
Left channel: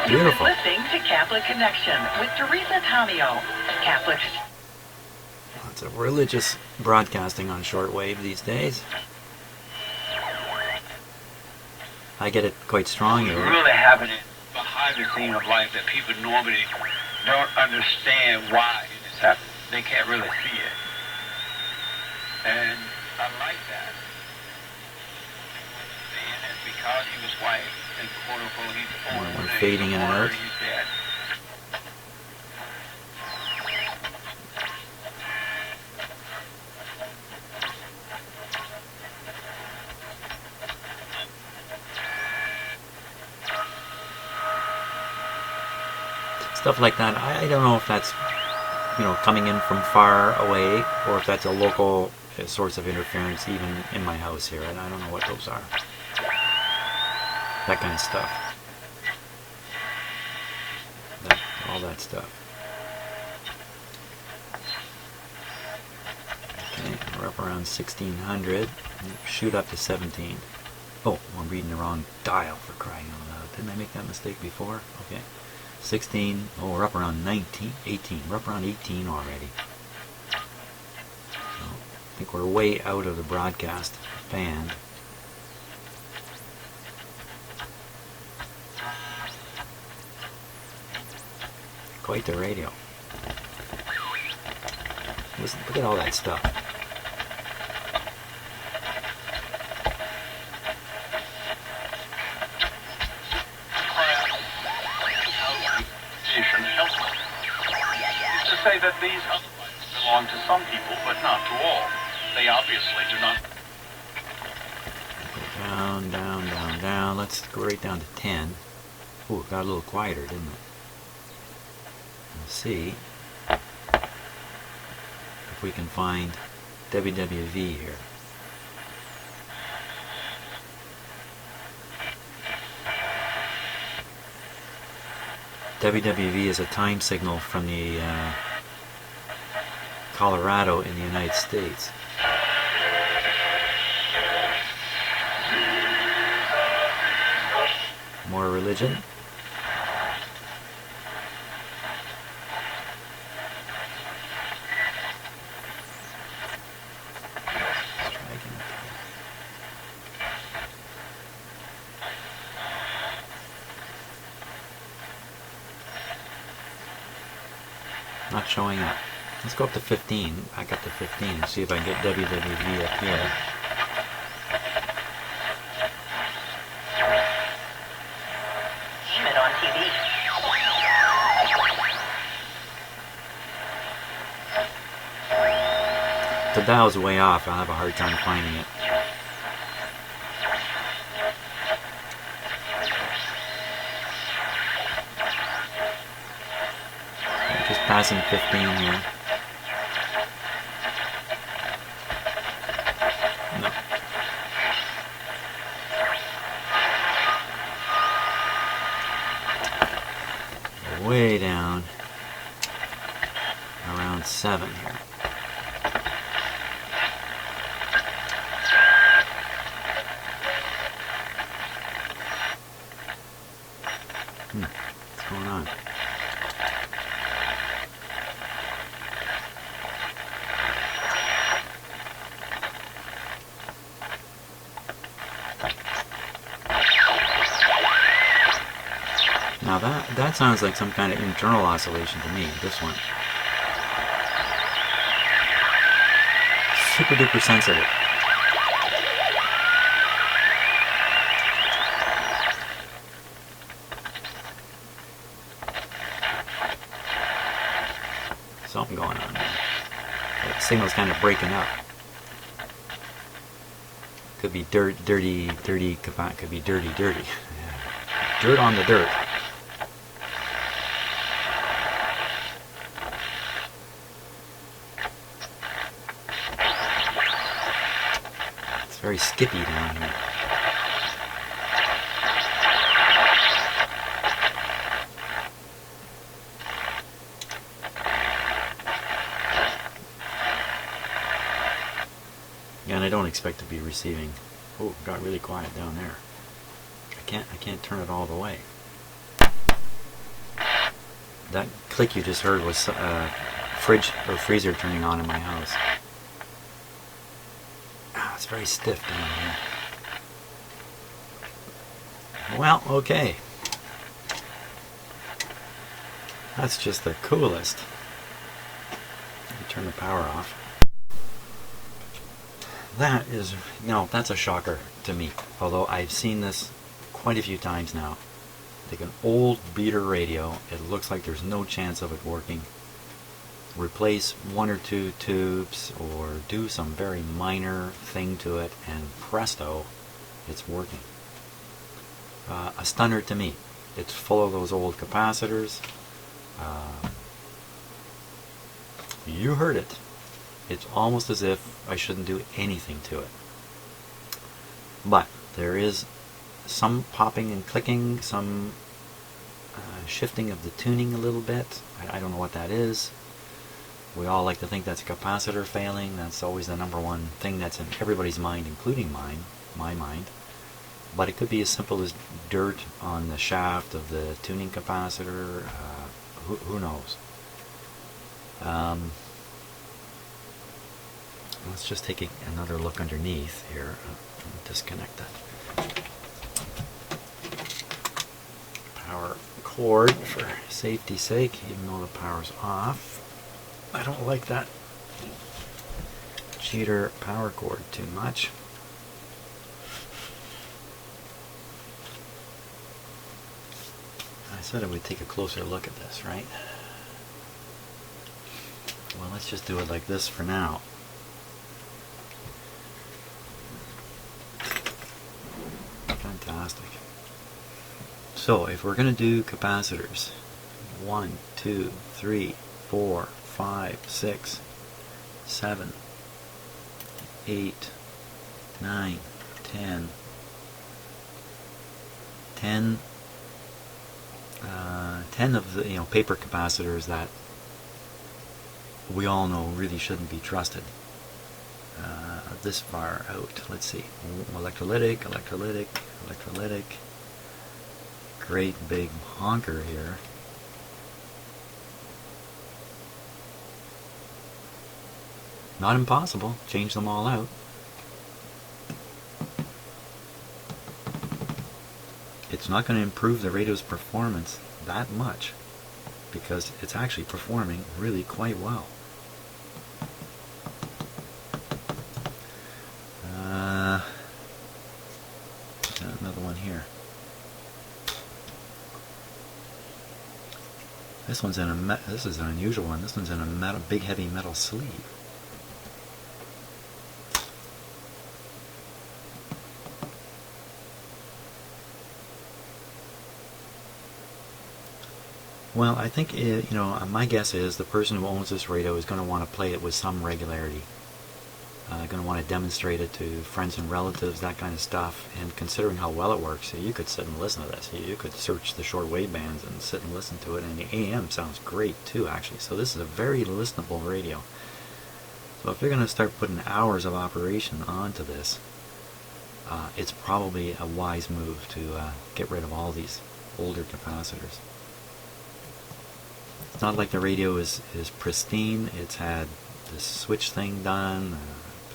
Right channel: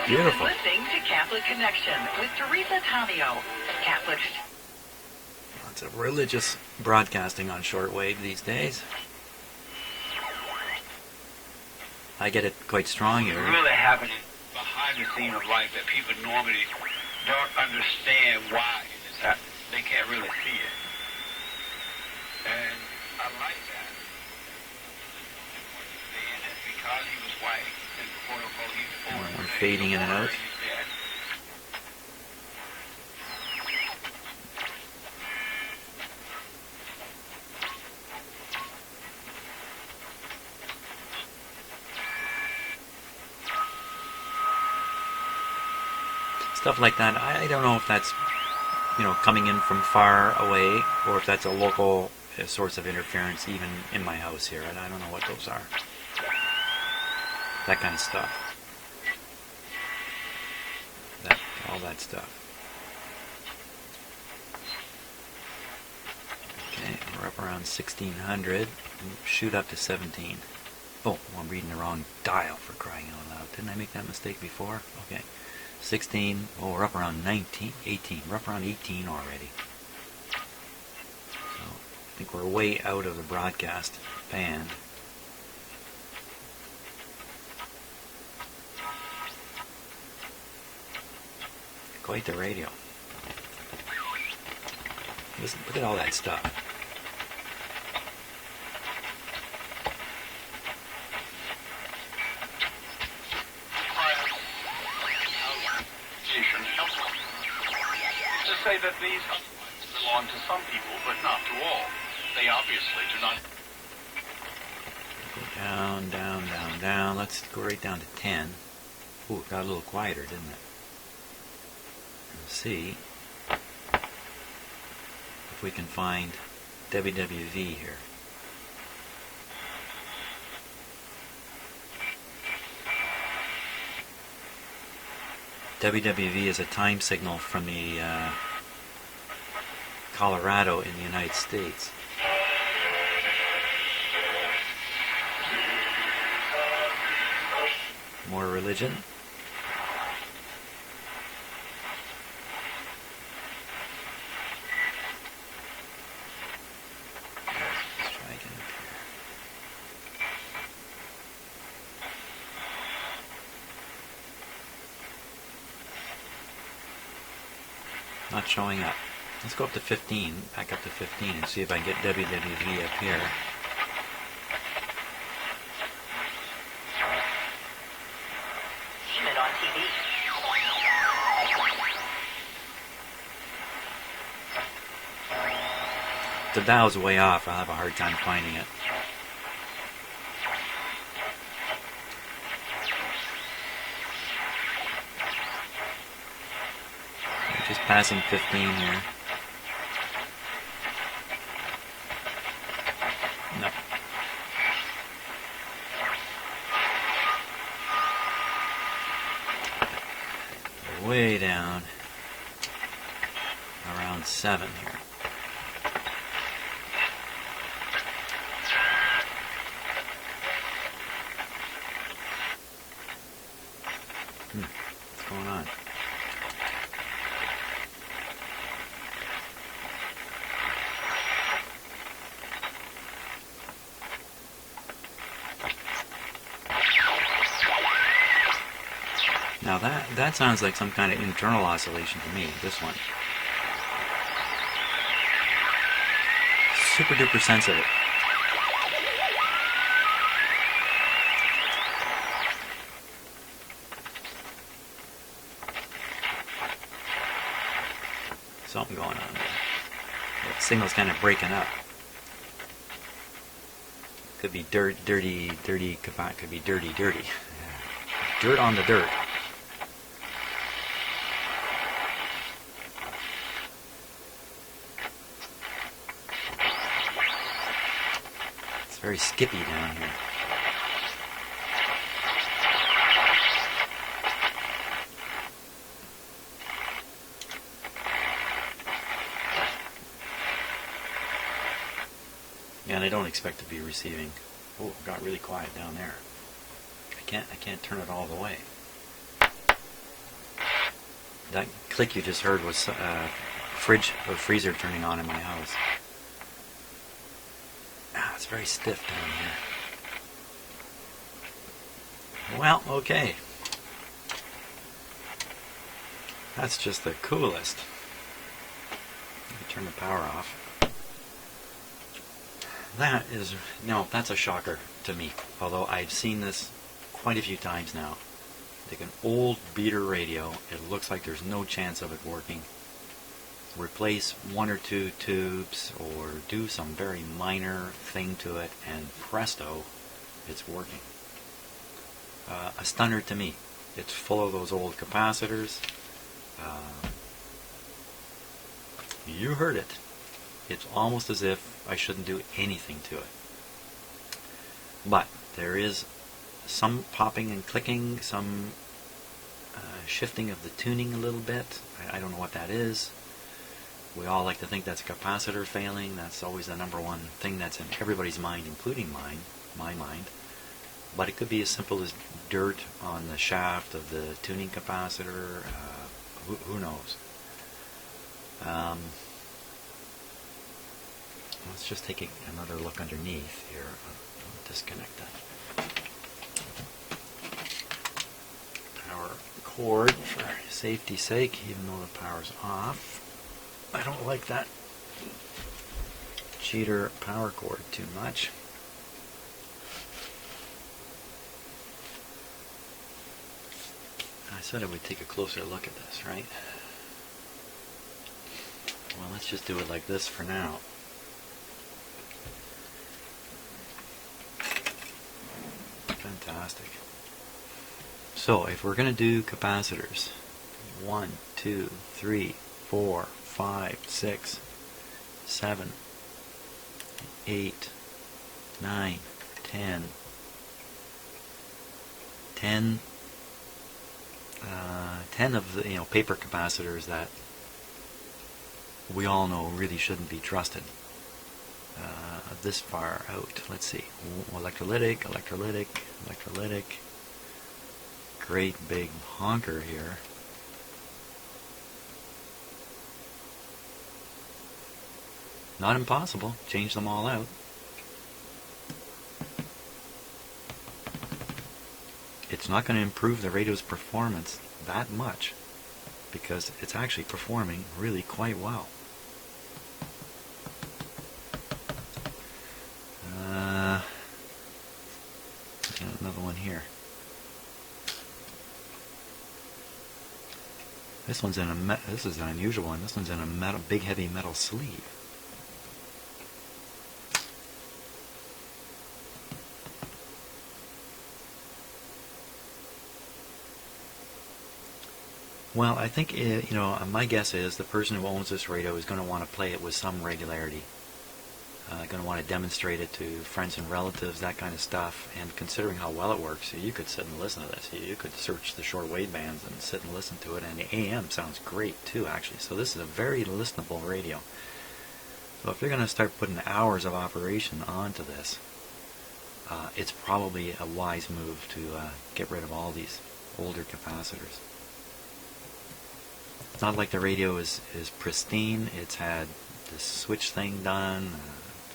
Beautiful. You've been listening to Catholic Connection with Teresa Tamio. Catholic. Lots of religious broadcasting on shortwave these days. I get it quite strong here. Really happening behind the scene of life that people normally don't understand why it is happening. They can't really see it. And I like that. And it's because he was white and quote unquote he's old. We're fading in and out. He's dead. Stuff like that. I don't know if that's, coming in from far away or if that's a local source of interference even in my house here. I don't know what those are. That kind of stuff. All that stuff. Okay, we're up around 1600. Shoot up to 17. Oh, I'm reading the wrong dial, for crying out loud. Didn't I make that mistake before? Okay. 16, oh, we're up around 19, 18. We're up around 18 already. So, I think we're way out of the broadcast band. Quite the radio. Listen, look at all that stuff. To say that these other rights belong to some people, but not to all. They obviously do not. Down, down, down, down. Let's go right down to 10. Ooh, it got a little quieter, didn't it? Let's see if we can find WWV here. WWV is a time signal from the Colorado in the United States. More religion. Let's try again. Not showing up. Let's go up to 15. Back up to 15 and see if I can get WWV up here. On TV. The dial's way off. I'll have a hard time finding it. Just passing 15 here. No. way down around 7 here. What's going on? Now that sounds like some kind of internal oscillation to me, this one. Super duper sensitive. Something going on there. That signal's kind of breaking up. Could be dirty. Could be dirty. Dirt on the dirt. It's very skippy down here. And I don't expect to be receiving. Oh, it got really quiet down there. I can't turn it all the way. That click you just heard was fridge or freezer turning on in my house. It's very stiff down here. Well, okay. That's just the coolest. Let me turn the power off. That is, that's a shocker to me. Although I've seen this quite a few times now. Take an old beater radio, it looks like there's no chance of it working. Replace 1 or 2 tubes or do some very minor thing to it and presto, it's working. A stunner to me. It's full of those old capacitors. You heard it. It's almost as if I shouldn't do anything to it. But there is some popping and clicking, some shifting of the tuning a little bit. I don't know what that is. We all like to think that's a capacitor failing. That's always the number one thing that's in everybody's mind, including my mind. But it could be as simple as dirt on the shaft of the tuning capacitor. Who knows? Let's just take another look underneath here. Disconnect that power cord for safety's sake, even though the power's off. I don't like that cheater power cord too much. I said I would take a closer look at this, right? Well, let's just do it like this for now. Fantastic. So if we're going to do capacitors, 1, 2, 3, 4, 5, 6, 7, 8, 9, 10, 10 of the paper capacitors that we all know really shouldn't be trusted this far out. Let's see. Electrolytic, electrolytic, electrolytic. Great big honker here. Not impossible. Change them all out. It's not going to improve the radio's performance that much because it's actually performing really quite well. Another one here. This one's in a this is an unusual one. This one's in a big heavy metal sleeve. Well, I think my guess is the person who owns this radio is going to want to play it with some regularity. going to want to demonstrate it to friends and relatives, that kind of stuff. And considering how well it works, you could sit and listen to this. You could search the shortwave bands and sit and listen to it. And the AM sounds great too, actually. So this is a very listenable radio. So if you're going to start putting hours of operation onto this, it's probably a wise move to get rid of all these older capacitors. It's not like the radio is pristine. It's had this switch thing done,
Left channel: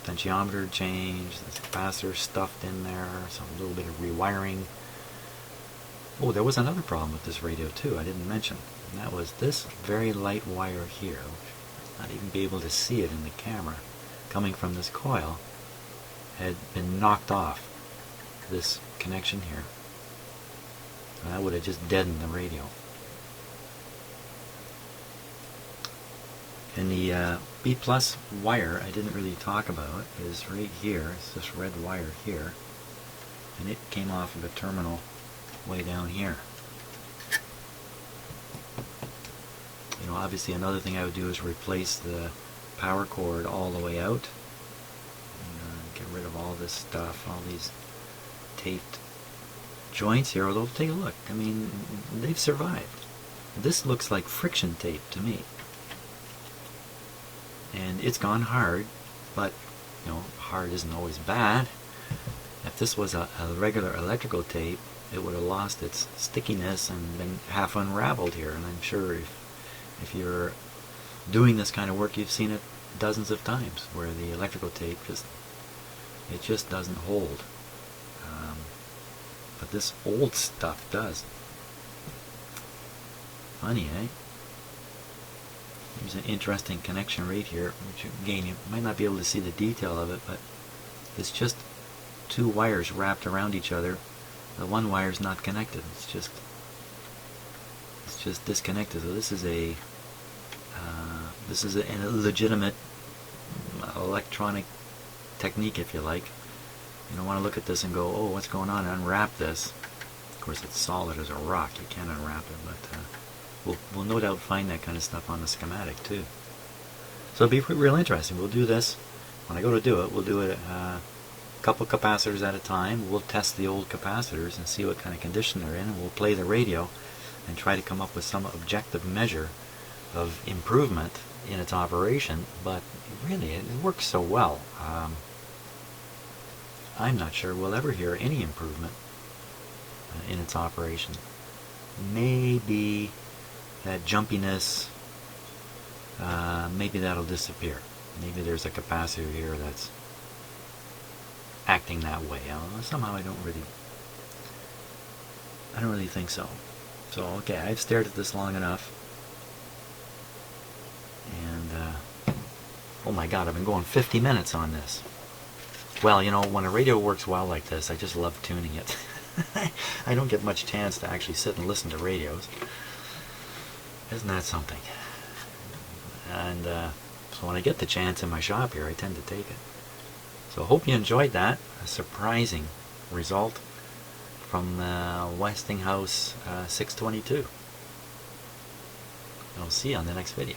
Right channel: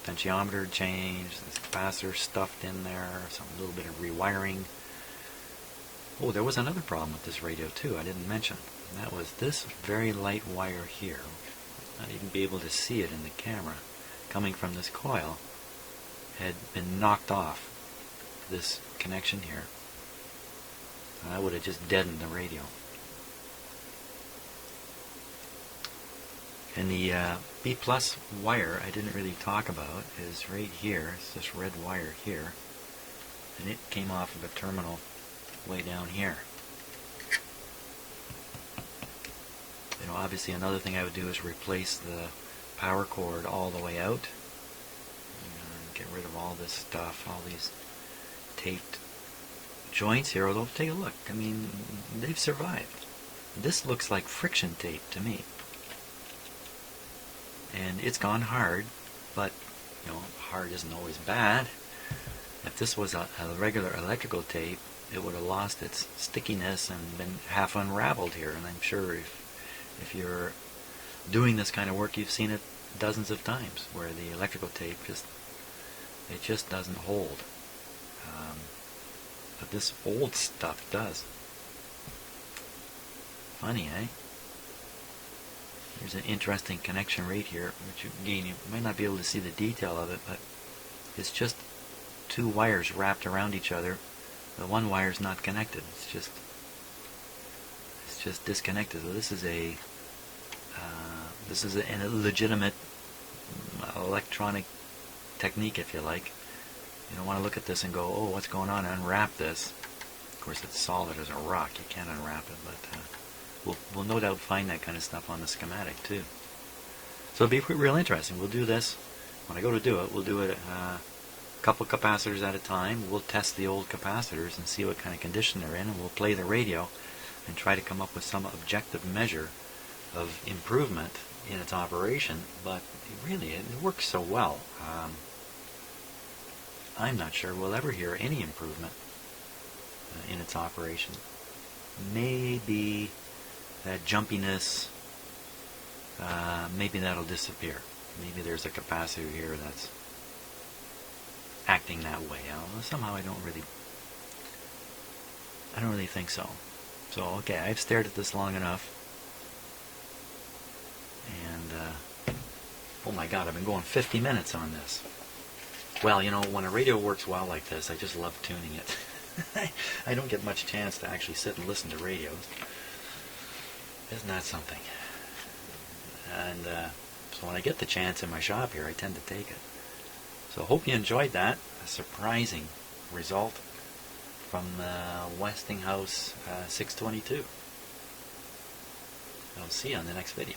potentiometer changed, this capacitor stuffed in there, some little bit of rewiring. Oh, there was another problem with this radio too I didn't mention, and that was this very light wire here. Not even be able to see it in the camera, coming from this coil, had been knocked off this connection here. And that would have just deadened the radio. And the B plus wire I didn't really talk about is right here. It's this red wire here, and it came off of a terminal way down here. You know, obviously another thing I would do is replace the power cord all the way out. Get rid of all this stuff, all these taped joints here. Although, take a look. I mean, they've survived. This looks like friction tape to me. And it's gone hard, but, you know, hard isn't always bad. If this was a regular electrical tape, it would have lost its stickiness and been half unraveled here. And I'm sure if you're doing this kind of work, you've seen it dozens of times, where the electrical tape just doesn't hold. But this old stuff does. Funny, eh? Here's an interesting connection right here, which again, you might not be able to see the detail of it, but it's just two wires wrapped around each other. The one wire is not connected. It's just disconnected. So this is a legitimate electronic technique, if you like. You don't want to look at this and go, oh, what's going on? Unwrap this. Of course, it's solid as a rock. You can't unwrap it, but we'll no doubt find that kind of stuff on the schematic too. So it'll be real interesting. We'll do this. When I go to do it, we'll do it a couple capacitors at a time. We'll test the old capacitors and see what kind of condition they're in, and we'll play the radio and try to come up with some objective measure of improvement in its operation. But really, it works so well. I'm not sure we'll ever hear any improvement in its operation. Maybe that jumpiness, maybe that'll disappear. Maybe there's a capacitor here that's acting that way. Somehow I don't really think so. So okay, I've stared at this long enough, and oh my God, I've been going 50 minutes on this. Well, you know, when a radio works well like this, I just love tuning it. I don't get much chance to actually sit and listen to radios. Isn't that something? And so when I get the chance in my shop here, I tend to take it. So I hope you enjoyed that. A surprising result from the Westinghouse 622. I'll see you on the next video.